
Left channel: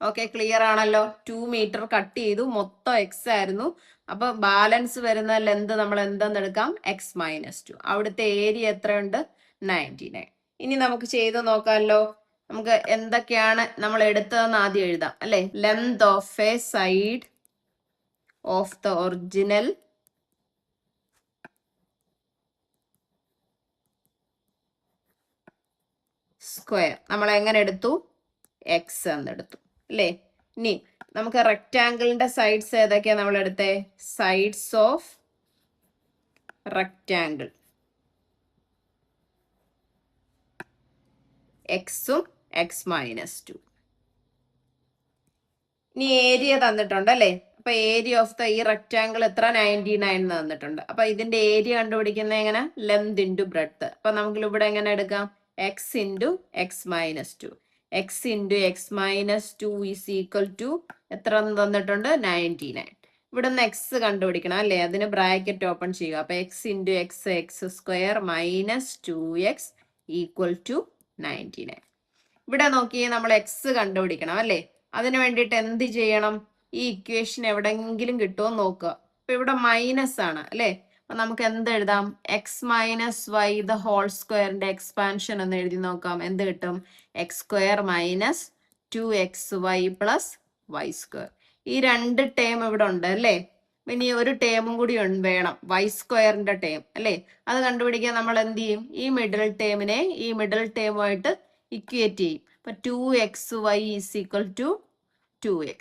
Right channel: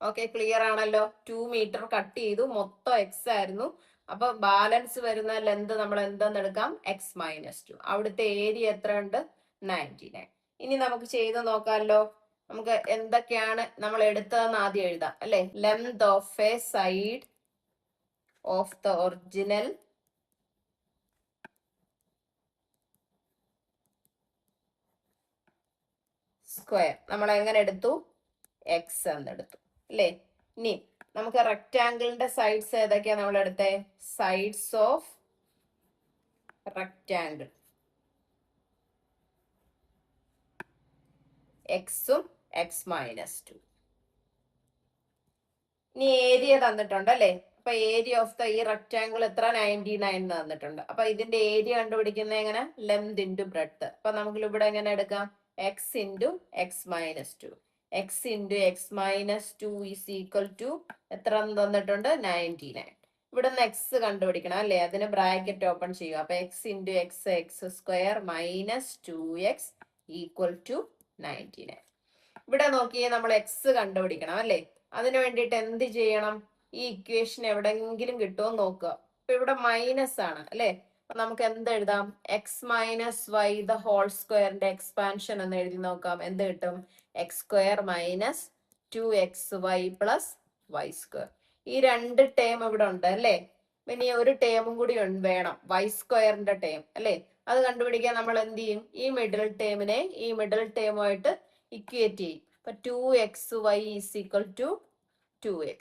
ഓക്കെ, ക്ലിയർ ആണല്ലോ. 2 മീറ്റർ കട്ട് ചെയ്തു, മൊത്തം എക്സ് ആയിരുന്നു. അപ്പൊ ബാലൻസ് വരുന്ന ലെന്ത് നമ്മൾ എന്തെന്ന് എടുക്കാം? x-2. അവിടുത്തെ ഏരിയ എത്രയുണ്ട്? 99. ഇനി നമുക്ക് ചെയ്ത് നോക്കാമല്ലോ. നമുക്ക് എന്തൊക്കെയാണ് നമ്മൾ എടുത്തതെന്ന് ആദ്യം എഴുതാം അല്ലെ. Length of a side of the original square നമ്മൾ എങ്ങനെ എടുത്തു? എക്സ് എന്നെടുത്തു അല്ലേ. ഇനി നമുക്ക് റെക്റ്റാങ്കിളിന്റെ സൈഡ്സ് ഏതൊക്കെയാ നമ്മൾ എടുത്തേ? സൈഡ്സ് ഓഫ് റെക്റ്റാങ്കിൾ എക്സും x-2. ഇനി ഏരിയ തന്നിട്ടുണ്ട് അല്ലേ. അപ്പൊ ഏരിയ ഓഫ് ദ ഈ റെക്റ്റാങ്കിൾ എത്ര? 99 തന്നിട്ടുണ്ട്. അപ്പൊ ഇതിന്റെ ഏരിയ കണ്ടുപിടിക്കുന്നത് എങ്ങനെ? Length into breadth. അപ്പൊ നമുക്ക് ഇവിടെ എങ്ങനെ എടുക്കാം? x into x-2. x into x-2 is equal to എത്ര തന്നിട്ടുണ്ട്? 99. ഇവിടെ നിന്ന് എക്സ് കണ്ടുപിടിക്കണം അല്ലേ. അതിന് ബ്രാക്കറ്റ് ഓപ്പൺ ചെയ്യുക. അപ്പൊ x into x square minus 2x equal to 99. ഇവിടെ നോക്കി നമ്മൾ എക്സ് കണ്ടുപിടിക്കണം അല്ലേ. അതിന് വേണ്ടിയിട്ട് എന്ത് ചെയ്യണം? ഈ ഇക്വേഷൻ എവിടെങ്കിലും കിട്ടുമോ നോക്കുക. അപ്പൊ ഇവിടെ മൈനസ് ആണ് അല്ലെ. അപ്പൊ നമുക്ക് എന്ത് എഴുതാം? x-y ദ ഹോൾ സ്ക്വയറിന്റെ എക്സ്പാൻഷൻ എന്ന് എഴുതി നോക്കാം. എന്ത് കിട്ടും? x² minus 2xy plus y square. ഈ രണ്ട് ടേം ഇവിടെ ഉണ്ട് അല്ലേ. ഇനി ഒരു ടേമും കൂടി വേണം, y² ടേം അല്ലേ. അത് കണ്ടുപിടിക്കാൻ നമ്മൾ എന്ത് ചെയ്യും? ഈ മിഡിൽ ടേമിനെ ഈ മിഡിൽ ടേമുമായിട്ട് ഇക്വേറ്റ് ചെയ്യും. അപ്പൊ 2xy is equal to 2x.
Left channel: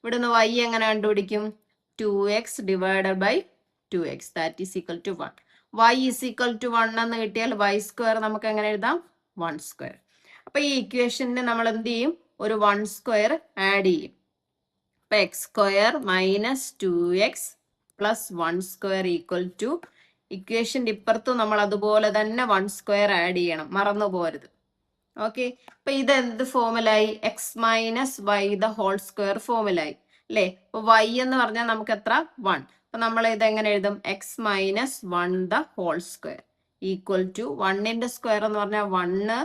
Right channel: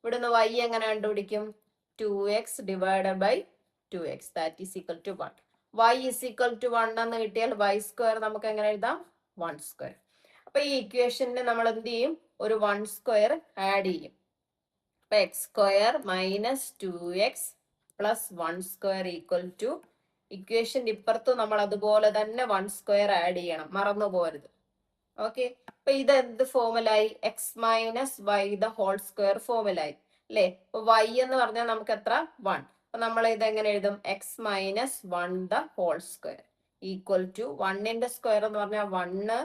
ഇവിടുന്ന് y എങ്ങനെ കണ്ടുപിടിക്കും? 2x divided by 2x that is equal to 1. y is equal to 1 എന്ന് കിട്ടിയാൽ y സ്ക്വയർ നമുക്ക് എങ്ങനെ എഴുതാം? 1 സ്ക്വയർ. അപ്പൊ ഈ ഇക്വേഷന് നമ്മൾ എന്ത് ചെയ്യും? ഒരു 1 സ്ക്വയർ ആഡ് ചെയ്യും. അപ്പൊ x² minus 2x plus 1 square equal to, ഇക്വേഷന്റെ ഇപ്പുറത്ത് നമ്മൾ അതുപോലെ തന്നെ 1 സ്ക്വയർ ആഡ് ചെയ്യണം, മറന്നു പോരുത്. ഓക്കെ, അപ്പൊ ഇത് എന്ത് ഫോമിലായി? x-y ദ ഹോൾ സ്ക്വയർ ഫോമിലായി അല്ലേ. അപ്പൊ y എന്ന് പറഞ്ഞാൽ നമുക്ക് എത്ര? 1. അപ്പൊ നമ്മൾ ഇത് എങ്ങനെ എഴുതും? x-1 the whole square equal to 1ന്റെ സ്ക്വയർ എന്ന് പറഞ്ഞാൽ 1,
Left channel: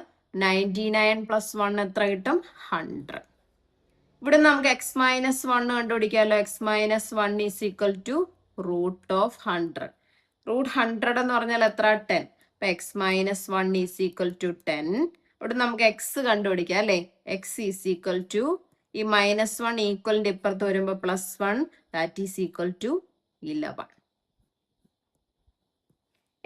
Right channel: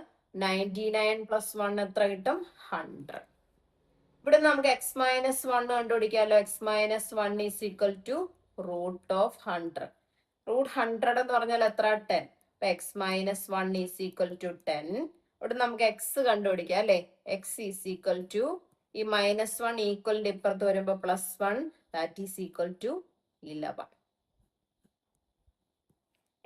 99 പ്ലസ് 1 എത്ര കിട്ടും? 100. ഇവിടെ നമുക്ക് x-1 കണ്ടുപിടിക്കാമല്ലോ. x-1 is equal to root of 100. Root 100 എന്ന് പറഞ്ഞാൽ എത്ര? 10. അപ്പൊ x-1 ഈസ് ഈക്വൽ ടു 10. ഇവിടെ നമുക്ക് എക്സ് കണ്ടുപിടിക്കാം അല്ലെ. എക്സ് ഈസ് ഈക്വൽ ടു ഈ -1 ഈക്വലിന്റെ ഇപ്പുറത്ത് വരുമ്പോ +1 that is equal to 11.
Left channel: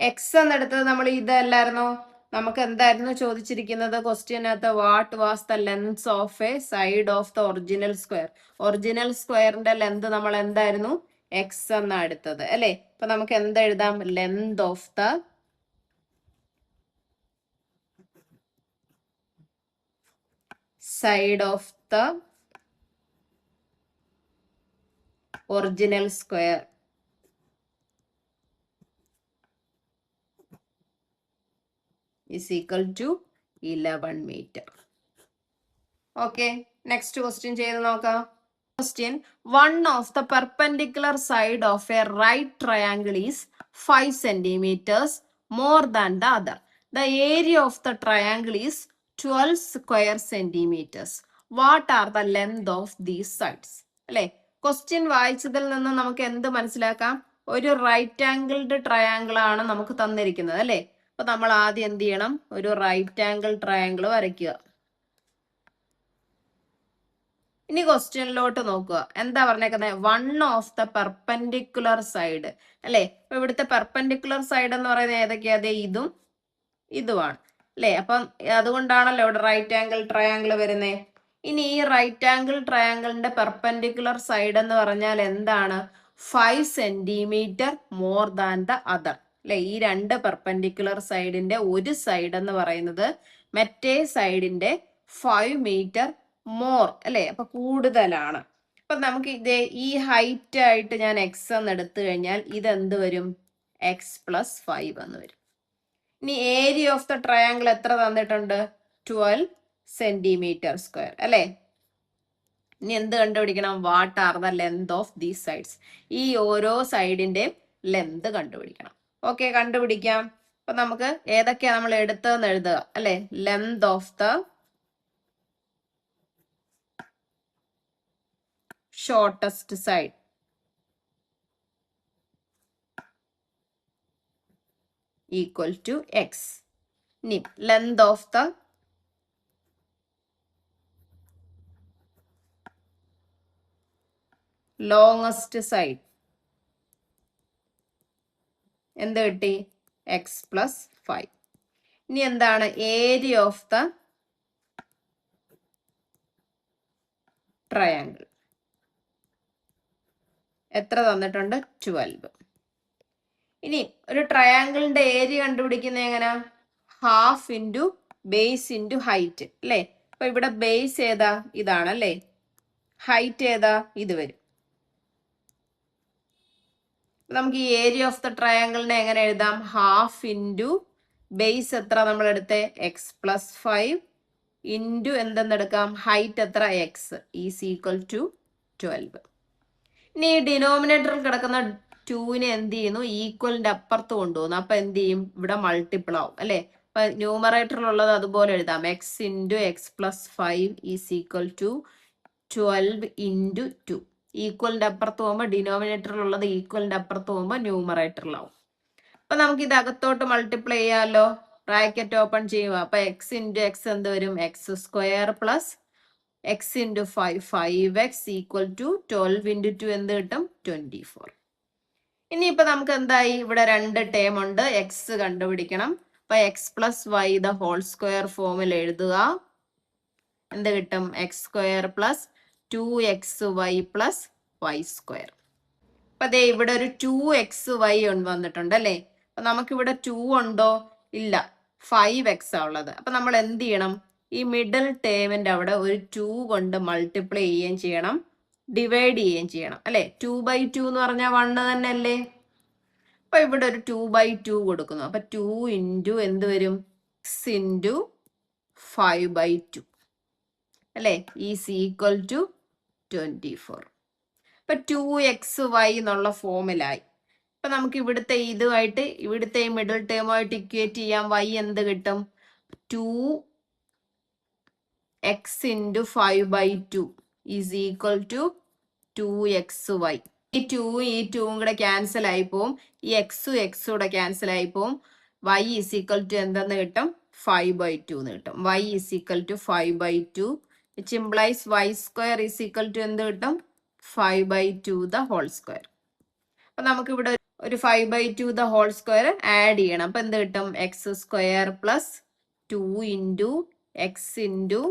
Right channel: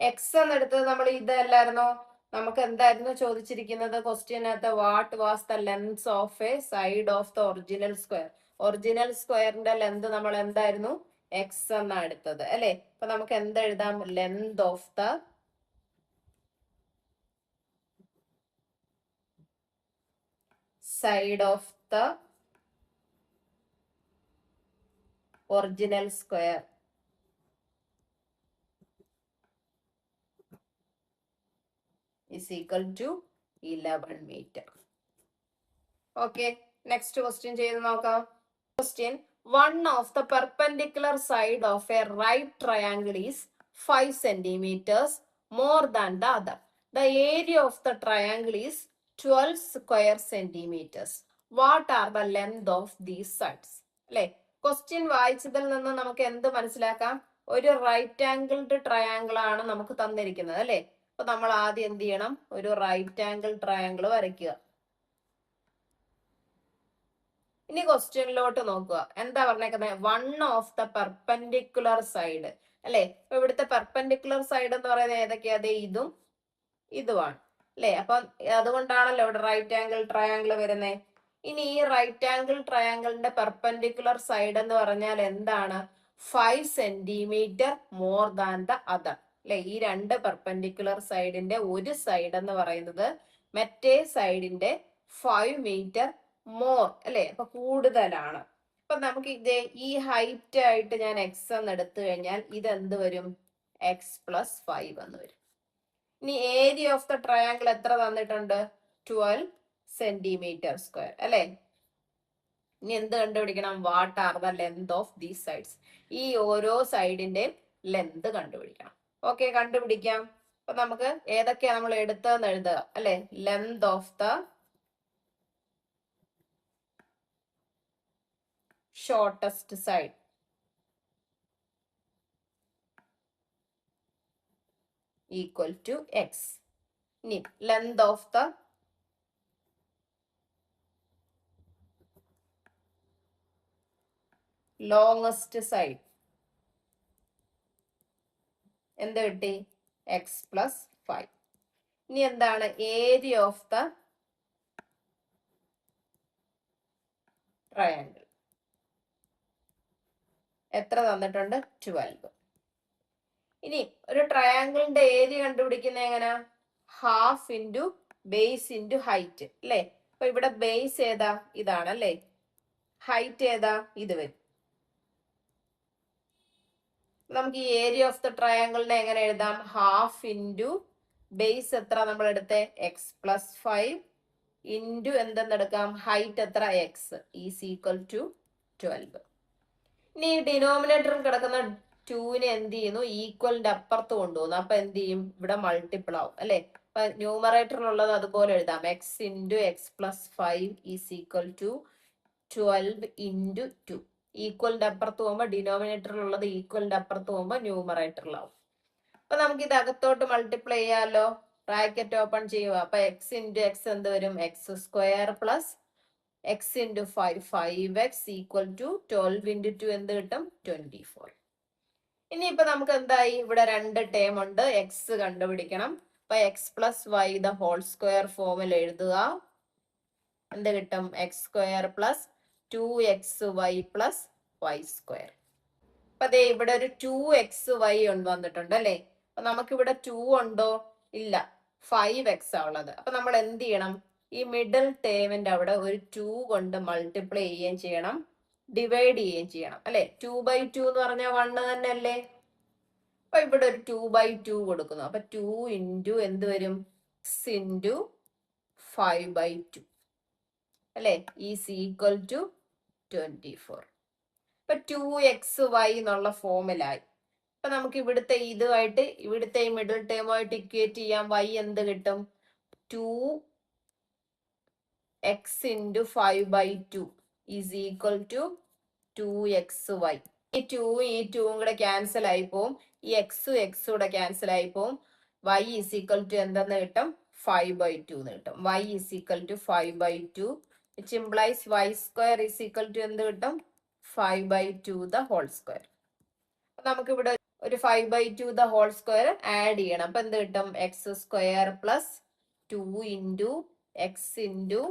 X എന്നെടുത്തത് നമ്മൾ ഇതല്ലായിരുന്നോ? നമുക്ക് എന്തായിരുന്നു ചോദിച്ചിരിക്കുന്നത് ക്വസ്റ്റ്യനകത്ത്? What was the length of a side of the original square. Original സ്ക്വയറിന്റെ ലെങ്ത് നമ്മൾ എന്തായിരുന്നു? എക്സ് എന്നാ എടുത്തത് അല്ലെ. അപ്പൊ നമുക്ക് എന്തെഴുതാം? Length of the side of the original square is equal to 11 meter. Okay, next question ചെയ്തു നോക്കാം. Question: one of the perpendicular side of a right triangle is 5 centimeters more than the other. The area of the triangle is 12 square centimeters. What are the length of these sides? അല്ലെ, question വായിച്ചതിൽ നിന്ന് നമുക്ക് എന്ത് മനസ്സിലാക്കാം? ഒരു right angled triangle ആണ് നമുക്ക് തന്നിരിക്കുന്നത് അല്ലെ. അപ്പൊ നമ്മൾ ആദ്യം എന്ത് ചെയ്യണം? ഒരു റൈറ്റ് ആംഗിൾ ട്രയാങ്കിൾ വരയ്ക്കുക. ഇനി ക്വസ്റ്റ്യനിലോട്ട് നോക്കുക. എന്താ പറഞ്ഞേക്കുന്നത്? One of the perpendicular side അല്ലെ. അപ്പൊ ഇവിടുത്തെ പെർപെൻഡിക്കുലർ സൈഡ് എന്ന് പറയുന്നത് ഏതൊക്കെയാ? അതെ, ഇതും ഇതുമാണ് അല്ലെ. അപ്പം അതുകൊണ്ടാണല്ലോ ഇവിടെ റൈറ്റ് ആംഗിൾ ട്രയാങ്കിൾ വരുന്നത്. ഇനി ഈ റൈറ്റ് ആംഗിൾ ട്രയാങ്കിളിന്റെ പെർപെൻഡിക്കുലർ സൈഡ് എന്ന് പറഞ്ഞാൽ എന്താണ്? 5 centimetre more than the other അല്ലെ. ഈ രണ്ട് പെർപെൻഡിക്കുലർ സൈഡിന്റെ ഒരു സൈഡ് എന്ന് പറയുന്നത് മറ്റേ സൈഡിന്റെ 5 മീറ്റർ മോർ അല്ലെ. അപ്പൊ കൂടുതലാണ്. അപ്പൊ നമുക്ക് ഇതേ ഈ ഹൈറ്റ് ആയിട്ട് ഞാൻ എക്സ് എന്ന് എടുത്തു കഴിഞ്ഞാൽ ഇതെന്ത് വരും? x+5 എന്ന് വരും. ഇനി ഏരിയ ഓഫ് ദ ട്രയാങ്കിൾ എത്ര തന്നിട്ടുണ്ട്? 12 സെന്റിമീറ്റർ സ്ക്വയർ അല്ലെ. ഇനി എന്ത് കണ്ടുപിടിക്കണം? What are the length of these sides. ഈ ഓരോ സൈഡിന്റെ ലെങ്ത് കണ്ടുപിടിക്കണം. ഓക്കെ, കണ്ടുപിടിക്കാം. അപ്പൊ നമുക്ക് ഏതൊക്കെയാ നമ്മൾ എടുത്തതെന്ന് എഴുതുക അല്ലെ. Length of the shortest side equal to x. ഇനി length of the longest side എന്ത് കിട്ടി? X plus 5. ഇനി എന്താണ് ഏരിയ ഓഫ് ദ ട്രയാങ്കിൾ? എത്ര തന്നിട്ടുണ്ട്? 12. ഇനി ഒരു ട്രയാങ്കിളിന്റെ ഏരിയ കണ്ടുപിടിക്കുന്ന എങ്ങനെ? Half into base into height അല്ലേ? അപ്പൊ ഇവിടെ ബേസ് ഏതാ? ഇതാണ് അല്ലേ? ഹൈറ്റ് ഏതാ? ഇത് വരും. നമുക്ക് ഈ ഏരിയ ഓഫ് ദ ട്രയാങ്കിളിനെ എങ്ങനെ എഴുതാം? ഹാഫ് ഇൻറ്റു ബേസ് എത്ര നമ്മൾ എടുത്തേ? എക്സ് പ്ലസ് 5 ഇൻറ്റു എന്തെന്നെടുക്കാം? ഹൈറ്റ് എത്ര? X is equal to 12. ഇനി ഈ ഡിനോമിനേറ്ററിൽ കിടക്കുന്ന 2നെ എന്ത് ചെയ്യുന്നു? ഈക്വലിന്റെ അപ്പുറത്ത് കൊണ്ടുപോകുന്നു. അപ്പൊ എന്ത് ചെയ്യും? ഇവിടെ മൾട്ടിപ്പിൾ ആവും അല്ലെ? അപ്പൊ ന്യൂമറേറ്ററിലുള്ളത് അതുപോലെ എഴുതാം. X into x plus 5 is equal to 12 into 2. ഈക്വലിന്റെ അപ്പുറത്ത് പോകുമ്പോൾ ഡിനോമിനേറ്ററിലുള്ളത് ഈക്വലിന്റെ അപ്പുറത്ത് പോകുമ്പോൾ ന്യൂമറേറ്ററിലാവും. അപ്പൊ നമുക്ക് ഇത് അകത്തോട്ട് മൾട്ടിപ്ലൈ ചെയ്യാമല്ലോ. ബ്രാക്കറ്റ് ഓപ്പൺ ചെയ്യുക. അപ്പൊ എക്സ് ഇൻറ്റു എക്സ് എന്ത് വരും? X square plus x into 5 5x equal to 12 into 2 എന്ത് കിട്ടും? 24. ഇനിയിപ്പോ നമുക്ക് എന്തായി? ഇവിടെ 2 ടേം ഉണ്ട്. എക്സ് കണ്ടുപിടിക്കണം. അപ്പൊ x plus y the whole square ഫോമിൽ എഴുതുക. എന്ത് കിട്ടും? X square plus 2xy plus y square. അപ്പൊ അതെ ഇവിടെ ഒരു 2xy വന്നിട്ടുണ്ട് അല്ലേ? അപ്പൊ നമുക്കിവിടെ 2 ഉണ്ടോ? ഇല്ല, 5x ആ ഉള്ളത്. അപ്പൊ നമ്മൾ എന്ത് ചെയ്യണം? ഈ മിഡിൽ ടേമിന്റെ അവിടെ ഒരു 2 കൊണ്ട് മൾട്ടിപ്ലൈ ചെയ്യുകയും ചെയ്യണം, ഡിവൈഡ് ചെയ്യുകയും ചെയ്യണം അല്ലെ? 2/2 എന്ന് പറഞ്ഞാൽ 1 തന്നെ അല്ലേ? അപ്പൊ ഇവിടെ ഒരു 2/2 കൊടുക്കുന്നു. അപ്പൊ 2 ഇൻറ്റു എന്ത് വരും? 6 ഇൻറ്റു 5/2 അല്ലെ? Is equal to 24. ഇപ്പൊ 2xy എന്നുള്ള ഫോമിലായി. ഇപ്പൊ നമുക്ക് ഇവിടുത്തെ ഇതുമായിട്ട് ഇവിടുത്തെ മിഡിൽ ടേമുമായിട്ട് ഇക്വേറ്റ് ചെയ്യാം. y എന്ത് കിട്ടും? 2x into 5/2 is equal to 2xy. ഈ 2 കൂടെ ക്യാൻസൽ ആയി പോവും. ഈ എക്സും കൂടെ ക്യാൻസൽ ആയി പോവും. y ഈസ് ഈക്വൽ ടു എന്തെന്ന് കിട്ടും? 5/2 എന്ന് കിട്ടും. y is equal to 5/2 which implies y square is equal to എന്ത് കിട്ടും? 5/2 ദ ഹോൾ സ്ക്വയർ. അപ്പൊ നമുക്ക് ഇവിടെ ഒരു 5/2 ദ ഹോൾ സ്ക്വയർ ആഡ് ചെയ്യണം. അപ്പൊ എന്ത് കിട്ടും? X square plus 2 into x into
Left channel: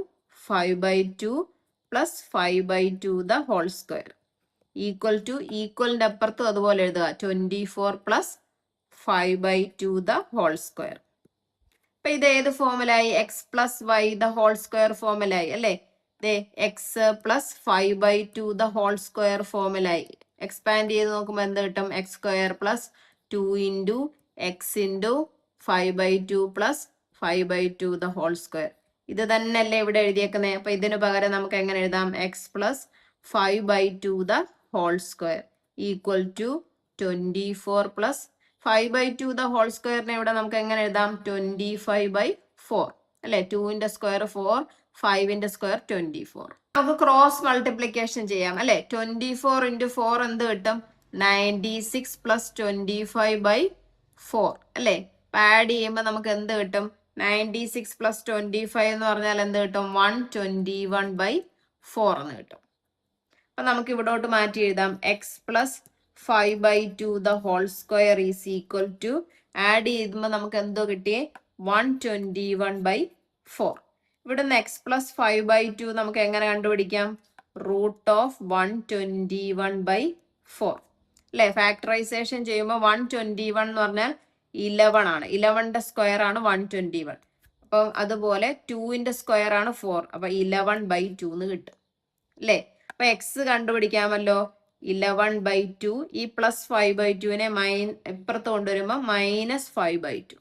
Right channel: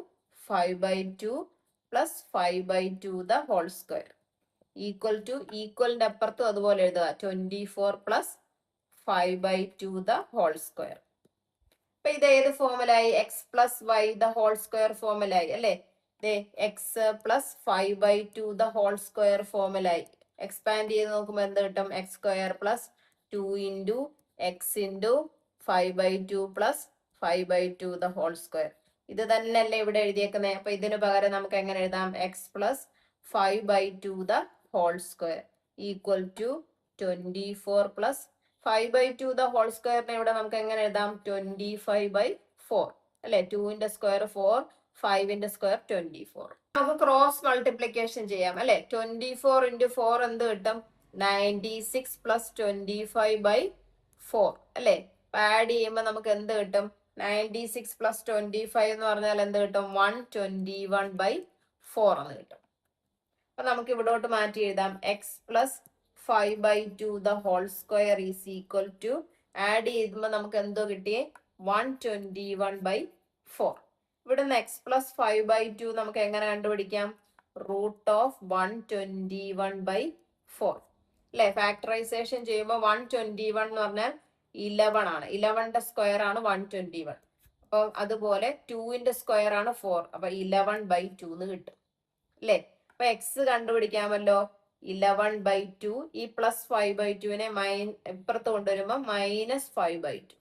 5/2 plus 5/2 the whole square equal to ഈക്വലിന്റെ അപ്പുറത്തും അതുപോലെ എഴുതുക. 24 പ്ലസ് 5/2 ദ ഹോൾ സ്ക്വയർ. അപ്പൊ ഇത് ഏത് ഫോമിലായി? X plus y the whole square ഫോമിലായി അല്ലെ? X plus 5/2 the whole square ഫോമിലായി. എക്സ്പാൻഡ് ചെയ്ത് നോക്കുമ്പോൾ എന്ത് കിട്ടും? X square plus 2 into x into 5/2 plus 5/2 the whole square. ഇത് തന്നെയല്ലേ ഇവിടെ എഴുതിയേക്കുന്നത്? അപ്പൊ ഇതിന് പകരം നമുക്ക് എങ്ങനെ എഴുതാം? X plus 5/2 the whole square equal to 24 plus 5/2 the whole സ്ക്വയറിനെ ഇവിടെ നമുക്ക് എങ്ങനെ എഴുതാം? 25/4 അല്ലെ? 2ന്റെ സ്ക്വയർ 4, 5ന്റെ സ്ക്വയർ 24. നമുക്ക് ക്രോസ് മൾട്ടിപ്ലിക്കേഷൻ ചെയ്യാം അല്ലെ? 24 ഇൻറ്റു 4 എന്ത് കിട്ടും? 96 പ്ലസ് 25/4 അല്ലെ? ആഡ് ചെയ്യുമ്പോൾ നമുക്ക് എന്ത് കിട്ടും? 96 പ്ലസ് 25 എന്ന് പറഞ്ഞാൽ എന്ത് കിട്ടും? 121/4 എന്ന് കിട്ടും. അപ്പൊ നമുക്ക് ഇവിടോട്ട് മാറ്റി എഴുതാം. X plus 5/2 the whole square is equal to add ചെയ്യുമ്പോൾ നമുക്ക് എന്തോ കിട്ടിയേ? 121/4. ഇവിടുന്ന് എക്സ് പ്ലസ് 5/2 നമുക്ക് എങ്ങനെ കണ്ടുപിടിക്കാം? റൂട്ട് ഓഫ് 121/4 അല്ലെ? ഫാക്ടറൈസേഷൻ ചെയ്യുമ്പോൾ 121 എന്ന് പറഞ്ഞാൽ 11 ആണ്. 11ന്റെ സ്ക്വയർ ആണ് 121. അപ്പൊ അതുപോലെ 2ന്റെ സ്ക്വയർ ആണ് 4. അപ്പൊ 11/2 എന്ന് കിട്ടും അല്ലെ? അപ്പൊ എക്സ് കണ്ടുപിടിക്കാമല്ലോ. 11/2 ഈ പ്ലസ് 5/2നെ ഇപ്പുറത്ത് കൊണ്ടുവരുമ്പോൾ -5/2.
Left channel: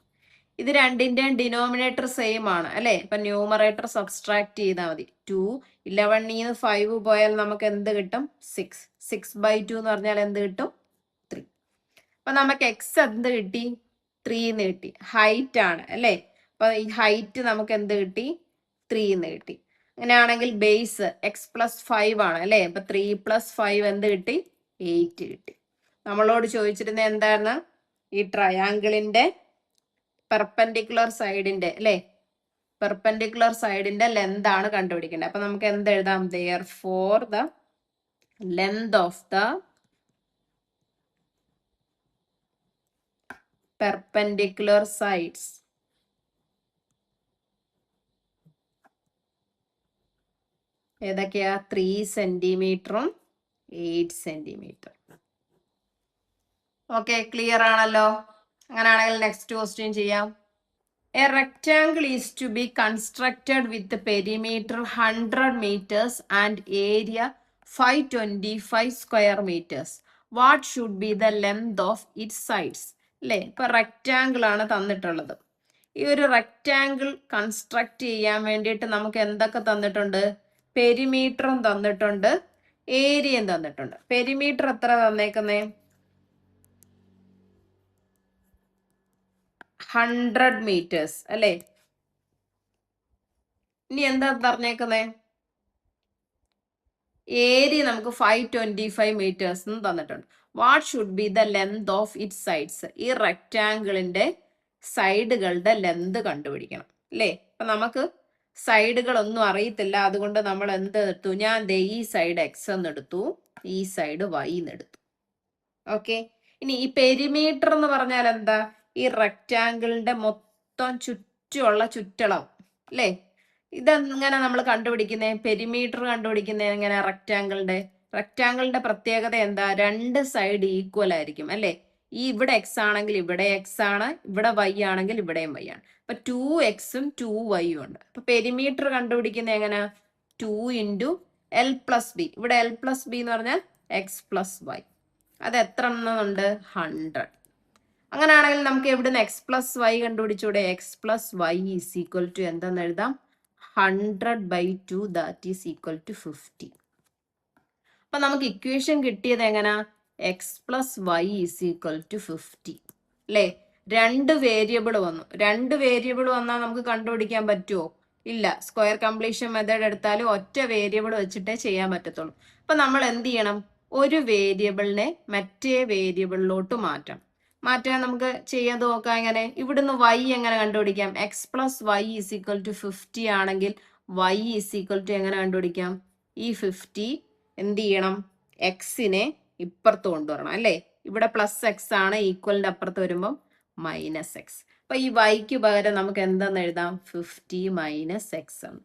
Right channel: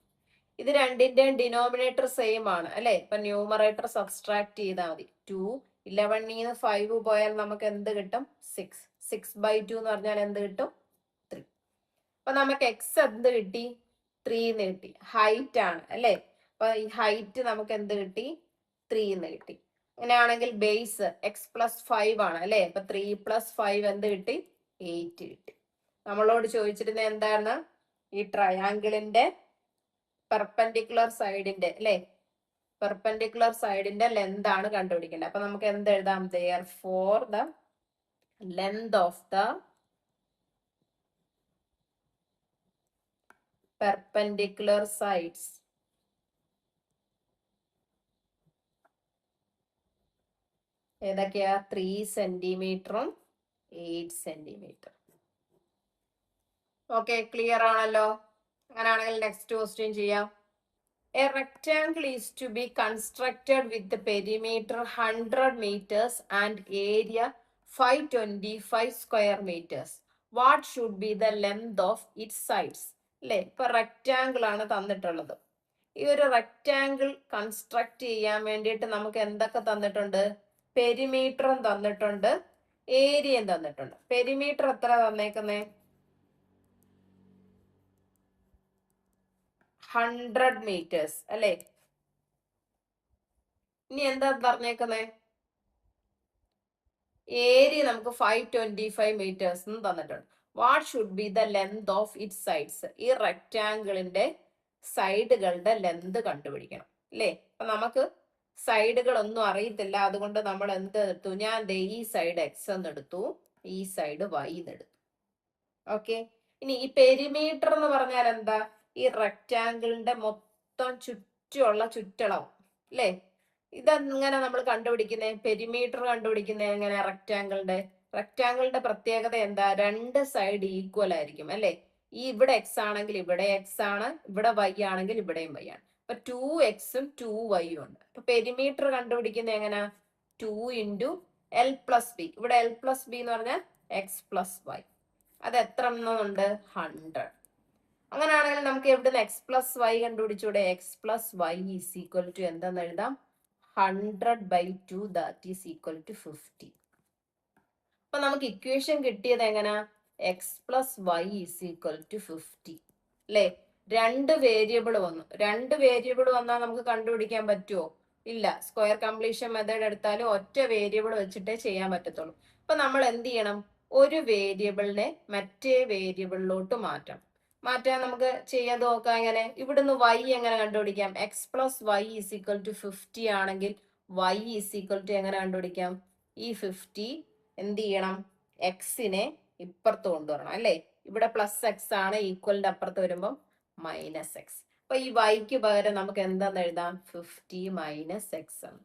ഇത് രണ്ടിന്റെയും ഡിനോമിനേറ്റർ സെയിം ആണ് അല്ലെ? അപ്പൊ ന്യൂമറേറ്റർ സബ്സ്ട്രാക്ട് ചെയ്താൽ മതി. 2 11 5 പോയാൽ നമുക്ക് എന്ത് കിട്ടും? 6. 6/2 എന്ന് പറഞ്ഞാൽ എന്ത് കിട്ടും? 3. അപ്പൊ നമുക്ക് എക്സ് എന്ത് കിട്ടി? 3 എന്ന് കിട്ടി. ഹൈറ്റ് ആണ് അല്ലെ? അപ്പൊ ഈ ഹൈറ്റ് നമുക്ക് എന്ത് കിട്ടി? 3 എന്ന് കിട്ടി. അങ്ങനെയാണെങ്കിൽ ബേസ് എക്സ് പ്ലസ് 5 ആണ് അല്ലെ. അപ്പൊ 3 + 5 എന്ത് കിട്ടി? 8 കിട്ടി. നമ്മളോട് ചോദിച്ചിരുന്നത് എന്താണ്? ഈ ട്രയാങ്കിളിന്റെ പെർപെൻഡിക്കുലർ സൈഡിന്റെ അല്ലെ, പെർപെൻഡിക്കുലർ സൈഡിന്റെ ലെന്ത് ആണ് കണ്ടുപിടിക്കേണ്ടത്. അപ്പൊ നമുക്ക് എന്ത് എഴുതാം? therefore the length of the perpendicular sides ഏതൊക്കെയാ? 3 സെന്റിമീറ്ററും 8 സെന്റിമീറ്റർ. ഓക്കെ, ക്ലിയർ ആണല്ലോ. അങ്ങനെയാണെങ്കിൽ നെക്സ്റ്റ് ക്വസ്റ്റ്യൻ ചെയ്യാം. A rectangle is to be constructed with the perimeter 100 meters and area 525 square meters. What should be the length of its sides? അല്ലേ, ഇപ്പൊ rectangle ആണ് തന്നിട്ടുള്ളത്. ഈ ഒരു റെക്റ്റാങ്കിൾ കൺസ്ട്രക്ട് ചെയ്യാൻ വേണ്ടിയിട്ട് നമുക്ക് എന്തൊക്കെ തന്നിട്ടുണ്ട്? പെരിമീറ്ററും തന്നിട്ടുണ്ട്, ഏരിയയും തന്നിട്ടുണ്ട്. പെരിമീറ്റർ എത്ര തന്നേക്കുന്നേ? 100 meters അല്ലേ. ഇനി എന്താ പറഞ്ഞേക്കുന്നേ? ഏരിയ നമുക്ക് 525 meters തന്നിട്ടുണ്ട്. What should be the length of it sides? ഈ റെക്റ്റാങ്കിളിന്റെ സൈഡുകളുടെ ലെന്ത് കണ്ടുപിടിക്കണം അല്ലേ. അപ്പൊ നമുക്ക് സൈഡുകളൊന്നും അറിയത്തില്ല, അതുകൊണ്ട് നമ്മൾ എന്ത് എടുത്തു? ഞാൻ ഈ സൈഡ് എക്സ് എന്ന് എടുത്തു, ഈ സൈഡ് വൈ എന്ന് എടുത്തു. ഓക്കെ, ഇനി ഈ പെരിമീറ്റർ എന്ന് പറഞ്ഞാൽ എന്താ? ഈ റെക്റ്റാങ്കിളിന്റെ മൊത്തം ചുറ്റുമുള്ള ചുറ്റളവ് അല്ലേ. ഇതെങ്ങനെ നമ്മൾ കണ്ടുപിടിക്കുന്നേ? പെരിമീറ്റർ കണ്ടുപിടിക്കുന്നേ എങ്ങനെ? റെക്റ്റാങ്കിളിന്റെ പ്രത്യേകത എന്താ? രണ്ട് സൈഡ് ഈക്വൽ ആയിരിക്കും അല്ലെ. ഈ ഇവിടെ എക്സ് ആണെങ്കിൽ ഇവിടെ എക്സ് ആണ്, ഇവിടെ വൈ ആണെങ്കിൽ ഇവിടെയും വൈ ആണ്. അപ്പൊ 2x-ഉം 2y ഉണ്ട്. അപ്പൊ പെരിമീറ്റർ കണ്ടുപിടിക്കുന്ന എങ്ങനെ? 2 × l+b. ഇവിടെ l+b എന്ന് പറഞ്ഞാൽ x+y. അത് എത്ര എണ്ണമുണ്ട്? 100. അങ്ങനെയാണെങ്കിൽ നമുക്ക് എവിടുന്ന് x+y കണ്ടുപിടിച്ചൂടെ? x+y = എന്താന്ന് എഴുതാം? 100/2 that is equal to 50. അപ്പൊ നമുക്ക് ഇക്വേഷൻ കിട്ടിയത് എങ്ങനെ? x+y = 50 അല്ലേ. രണ്ട് വേരിയബിൾ വന്നു. രണ്ട് വേരിയബിൾ വന്നാൽ നമുക്ക് കണ്ടുപിടിക്കാൻ പറ്റുമോ? ഇല്ല. സ്ക്വയർ കംപ്ലീഷൻ മെത്തേഡ് എടുത്താലും ഒറ്റ വേരിയബിൾ വെച്ചിട്ടേ ചെയ്യാൻ പറ്റത്തുള്ളൂ. അപ്പൊ നമ്മൾ എന്ത് ചെയ്യണം? ഒരു വേരിയബിളിനെ മറ്റേ വേരിയബിളിലോട്ട് മാറ്റണം. മാറ്റാൻ നമുക്ക് ചെയ്ത് നോക്കാം. എങ്ങനെ? ഇവിടുന്ന് y എങ്ങനെ കണ്ടുപിടിക്കാം? x+y = 50 ആണെങ്കിൽ y = എങ്ങനെ കണ്ടുപിടിക്കാം? ഈ 50 എന്ത് ചെയ്യണം? എക്സിനെ ഇപ്പുറത്ത് കൊണ്ടുവരണം അല്ലേ. ഇവിടെ +x ആണ്, ഈക്വലിന്റെ അപ്പുറത്ത് വരുമ്പോൾ -x. അപ്പൊ ഈ yക്ക് പകരം നമുക്ക് എന്താന്ന് എഴുതാം? 50 - x എന്ന്.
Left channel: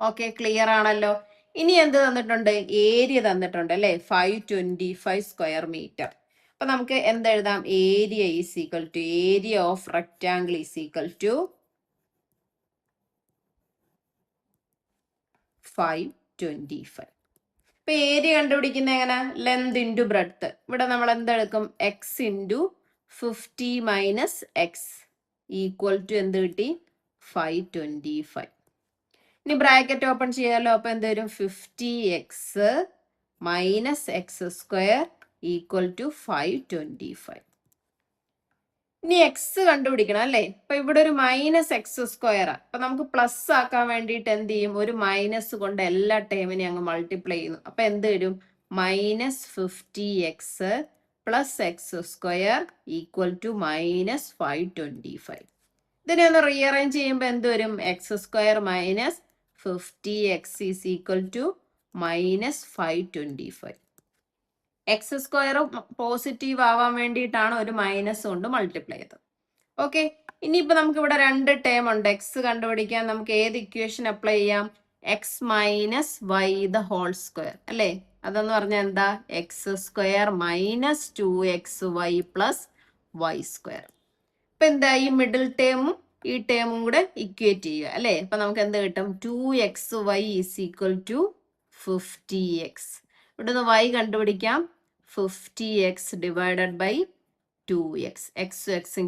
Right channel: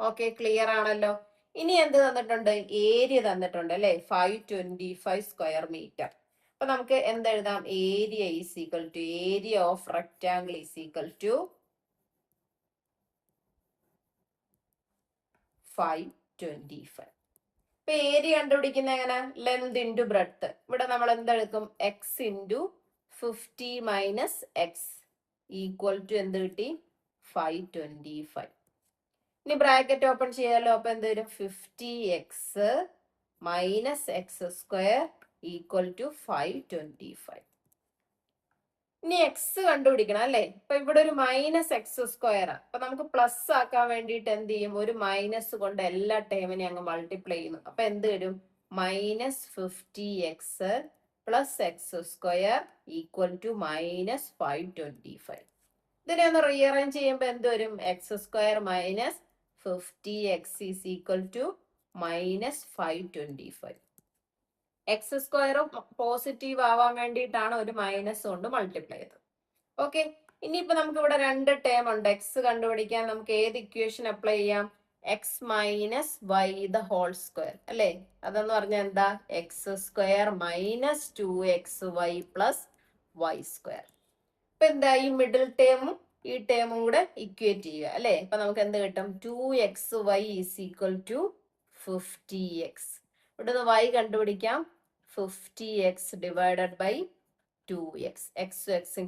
ഓക്കെ, ക്ലിയർ ആണല്ലോ. ഇനി എന്ത് തന്നിട്ടുണ്ട്? ഏരിയ തന്നിട്ടുണ്ട് അല്ലെ, 525 സ്ക്വയർ മീറ്റർ. അപ്പൊ നമുക്ക് എന്തെഴുതാം? Area area of rectangle = 525. ഇപ്പൊ ഏരിയ കണ്ടുപിടിക്കുന്ന എങ്ങനെ? Length into breadth. ഇവിടെ നമ്മൾ എന്തെടുക്കും? x × 50 - x = എന്ത് കിട്ടി? 525. ഇനി ബ്രാക്കറ്റ് ഓപ്പൺ ചെയ്യാലോ. അപ്പൊ എന്ത് വരും? 50x - x² = 525. ഇനി എക്സ് കണ്ടുപിടിക്കണം അല്ലേ. ഇപ്പൊ ഇവിടെ ഒരു -x². അപ്പൊ നമുക്ക് പ്ലസ് ആക്കാൻ വേണ്ടിയിട്ട് എന്ത് ചെയ്യും? ഒരു മൈനസ് കൊണ്ട് എല്ലാ ടേമിനെയും അങ്ങ് മൾട്ടിപ്ലൈ ചെയ്യുന്നു. അപ്പൊ എന്ത് വരും? -50x + x² = -525. ഇതിനെ ഒന്ന് റീഅറേഞ്ച് ചെയ്യുമ്പോൾ എന്ത് വരും? x² - 50x = -525. x² പോസിറ്റീവ് ആവാൻ വേണ്ടിയിട്ടാണ് ഒരു മൈനസ് കൊണ്ട് മൾട്ടിപ്ലൈ ചെയ്തത്. ഓക്കെ, ഇനിയിപ്പോ നമുക്ക് ഇവിടെ രണ്ട് ടേം ഉണ്ട്. എക്സ് കണ്ടുപിടിക്കാൻ നമുക്ക് ഏത് ഇക്വേഷൻ അപ്ലൈ ചെയ്യാം? x - y² അല്ലേ. അതെന്ന് പറഞ്ഞാൽ എന്താ? x² - 2xy + y². ഇപ്പൊ എന്താ? ഈ മിഡിൽ ടേമും ഈ ടേമും കൂടെ ഇക്വേറ്റ് ചെയ്യുക അല്ലേ. അപ്പൊ നമുക്ക് എന്ത് കിട്ടും? 2xy = 50x. ഇവിടുന്ന് y കണ്ടുപിടിക്കാം. 50x / 2x. x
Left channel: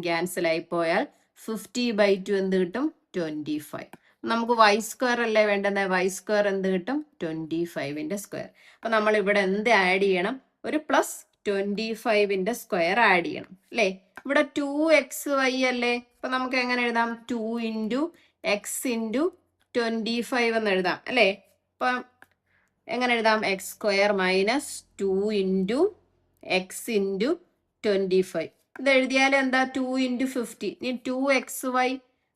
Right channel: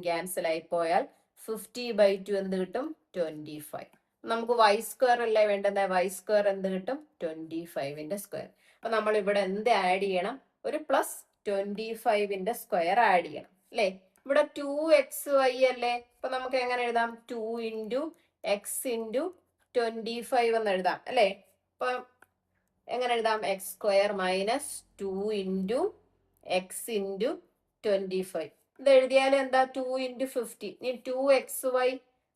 ക്യാൻസൽ ആയി പോയാൽ 50/2 എന്ത് കിട്ടും? 25. നമുക്ക് y² അല്ലേ വേണ്ടത്? y² എന്ത് കിട്ടും? 25ന്റെ സ്ക്വയർ. അപ്പൊ നമ്മൾ ഇവിടെ എന്ത് ആഡ് ചെയ്യണം? ഒരു +25ന്റെ സ്ക്വയർ ആഡ് ചെയ്യണം അല്ലേ. ഇവിടെ 2xy അല്ലേ. അപ്പൊ നമുക്ക് എങ്ങനെ എഴുതാം? 2 × x × 25 എന്ന് എഴുതാം അല്ലേ? അപ്പം എങ്ങനെ എഴുതാം? X square minus 2 into x into 25. ഇത് എഴുതിയാൽ എന്താ? 2 ഇൻറ്റു 50. ഇനി 2xy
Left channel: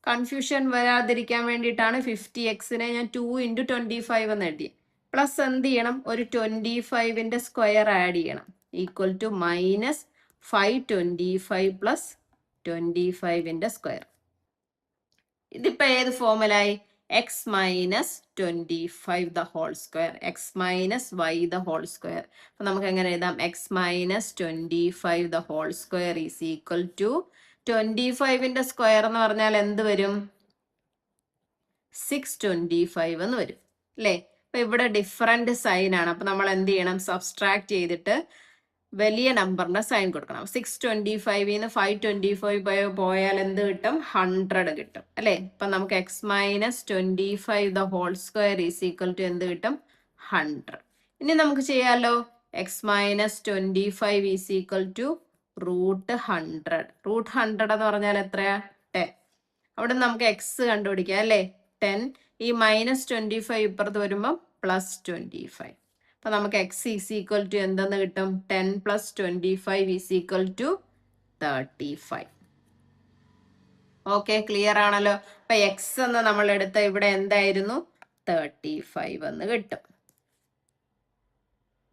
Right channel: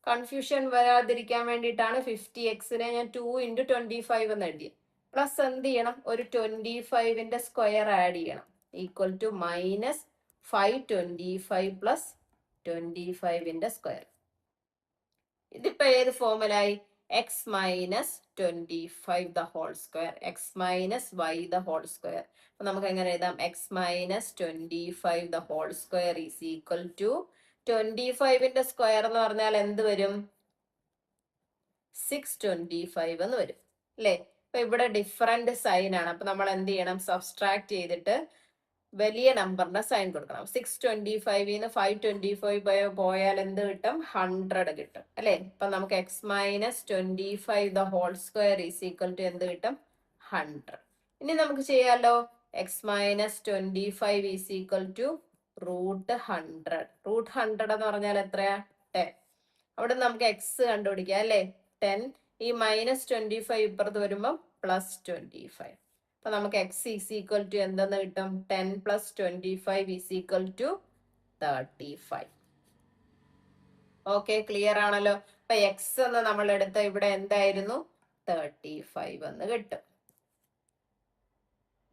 കൺഫ്യൂഷൻ വരാതിരിക്കാൻ വേണ്ടിയിട്ടാണ് 50xനെ ഞാൻ 2 ഇൻറ്റു 25 എന്ന് എഴുതിയത്. പ്ലസ് എന്ത് ചെയ്യണം? ഒരു 25ന്റെ സ്ക്വയർ ആഡ് ചെയ്യണം. ഈക്വൽ ടു മൈനസ് 525 പ്ലസ് 25ന്റെ സ്ക്വയർ. ഇതിപ്പോ ഏത് ഫോമിലായി? X minus 25 the whole square, x minus y the whole square. അപ്പൊ നമുക്ക് എങ്ങനെ എഴുതാം? X minus 25 the whole square is equal to 25ന്റെ സ്ക്വയർ എന്ന് പറഞ്ഞാൽ എന്ത് വരും? 625 എന്ന് വരും അല്ലേ? അപ്പൊ ഇവിടെ ഡിഫറെന്റ് സൈൻ ആണ്. അപ്പൊ നമ്മൾ എന്ത് ചെയ്യണം? സബ്സ്ട്രാക്ട് ചെയ്തിട്ട് വലിയ നമ്പറിന്റെ സൈൻ കൊടുക്കണം. 625ന്ന് 525 പോയാൽ എന്ത് കിട്ടും? 100 കിട്ടും അല്ലേ? അപ്പൊ നമുക്ക് x minus 25 the whole square is equal to എന്ത് കിട്ടും? 100. ഇനി നമുക്ക് ചെയ്യാലോ. X minus 25 is equal to root 100. Root 100 എന്ന് പറഞ്ഞാൽ എത്രയാ? 10. അവിടെ നമുക്ക് എക്സ് കണ്ടുപിടിക്കാം അല്ലേ? 10. ഈ മൈനസ് 25 ഇപ്പുറത്ത് വരുമ്പോൾ പ്ലസ് 25. അപ്പൊ നമുക്ക് എക്സ് ഈസ് ഈക്വൽ ടു എന്തെന്ന് കിട്ടും? 10 plus 25 is equal to 35. Okay, clear ആണല്ലോ. അപ്പൊ എക്സ് എന്ന് നമ്മൾ എടുത്ത ഇവിടെ എന്തായിരുന്നു? 35 എന്ന് കിട്ടും.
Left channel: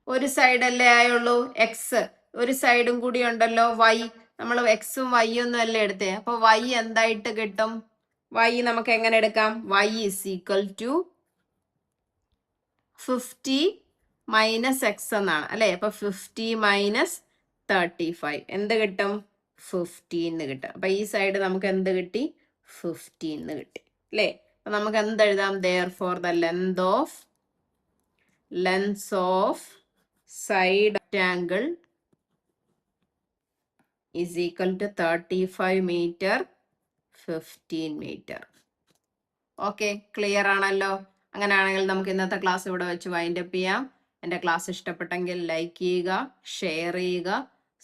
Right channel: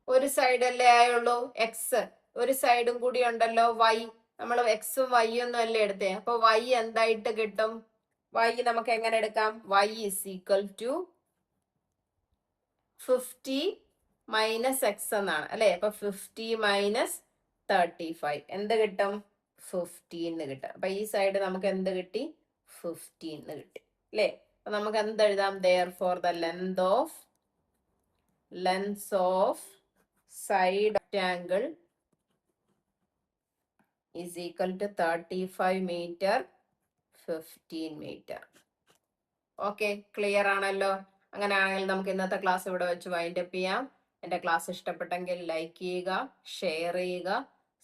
ഒരു സൈഡല്ലേ ആയുള്ളൂ എക്സ്, ഒരു സൈഡും കൂടി ഉണ്ടല്ലോ വൈ. നമ്മൾ എക്സും വൈ ഒന്നും അല്ലേ എടുത്തേ. അപ്പൊ വൈ എന്തായിട്ട് കിട്ടും? വൈ നമുക്ക് എങ്ങനെ എടുക്കാം? Y is equal to 50 minus x എന്നാണ് അല്ലെ? അപ്പൊ 50 മൈനസ് 35 എന്ത് കിട്ടും? 15 കിട്ടും. അപ്പൊ ഈ സൈഡ് നമുക്ക് എന്ത് കിട്ടി? 15 കിട്ടി അല്ലേ? അപ്പൊ നമുക്ക് എന്ത് എഴുതാം? therefore the length of side rectangle is equal to 35 meter 15 meter. Okay, clear ആണല്ലോ. അങ്ങനെയാണെങ്കിൽ നമുക്ക് ഇന്നത്തെ ക്ലാസ് ഇവിടെ വെച്ച് വൈൻഡ് അപ്പ് ചെയ്യാം. എൻ്റെ ക്ലാസ് ഇഷ്ടപ്പെട്ടെങ്കിൽ ലൈക്ക് ചെയ്യുക, ഷെയർ ചെയ്യുക,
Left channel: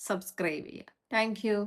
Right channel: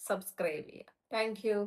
സബ്സ്ക്രൈബ് ചെയ്യുക. Thank you.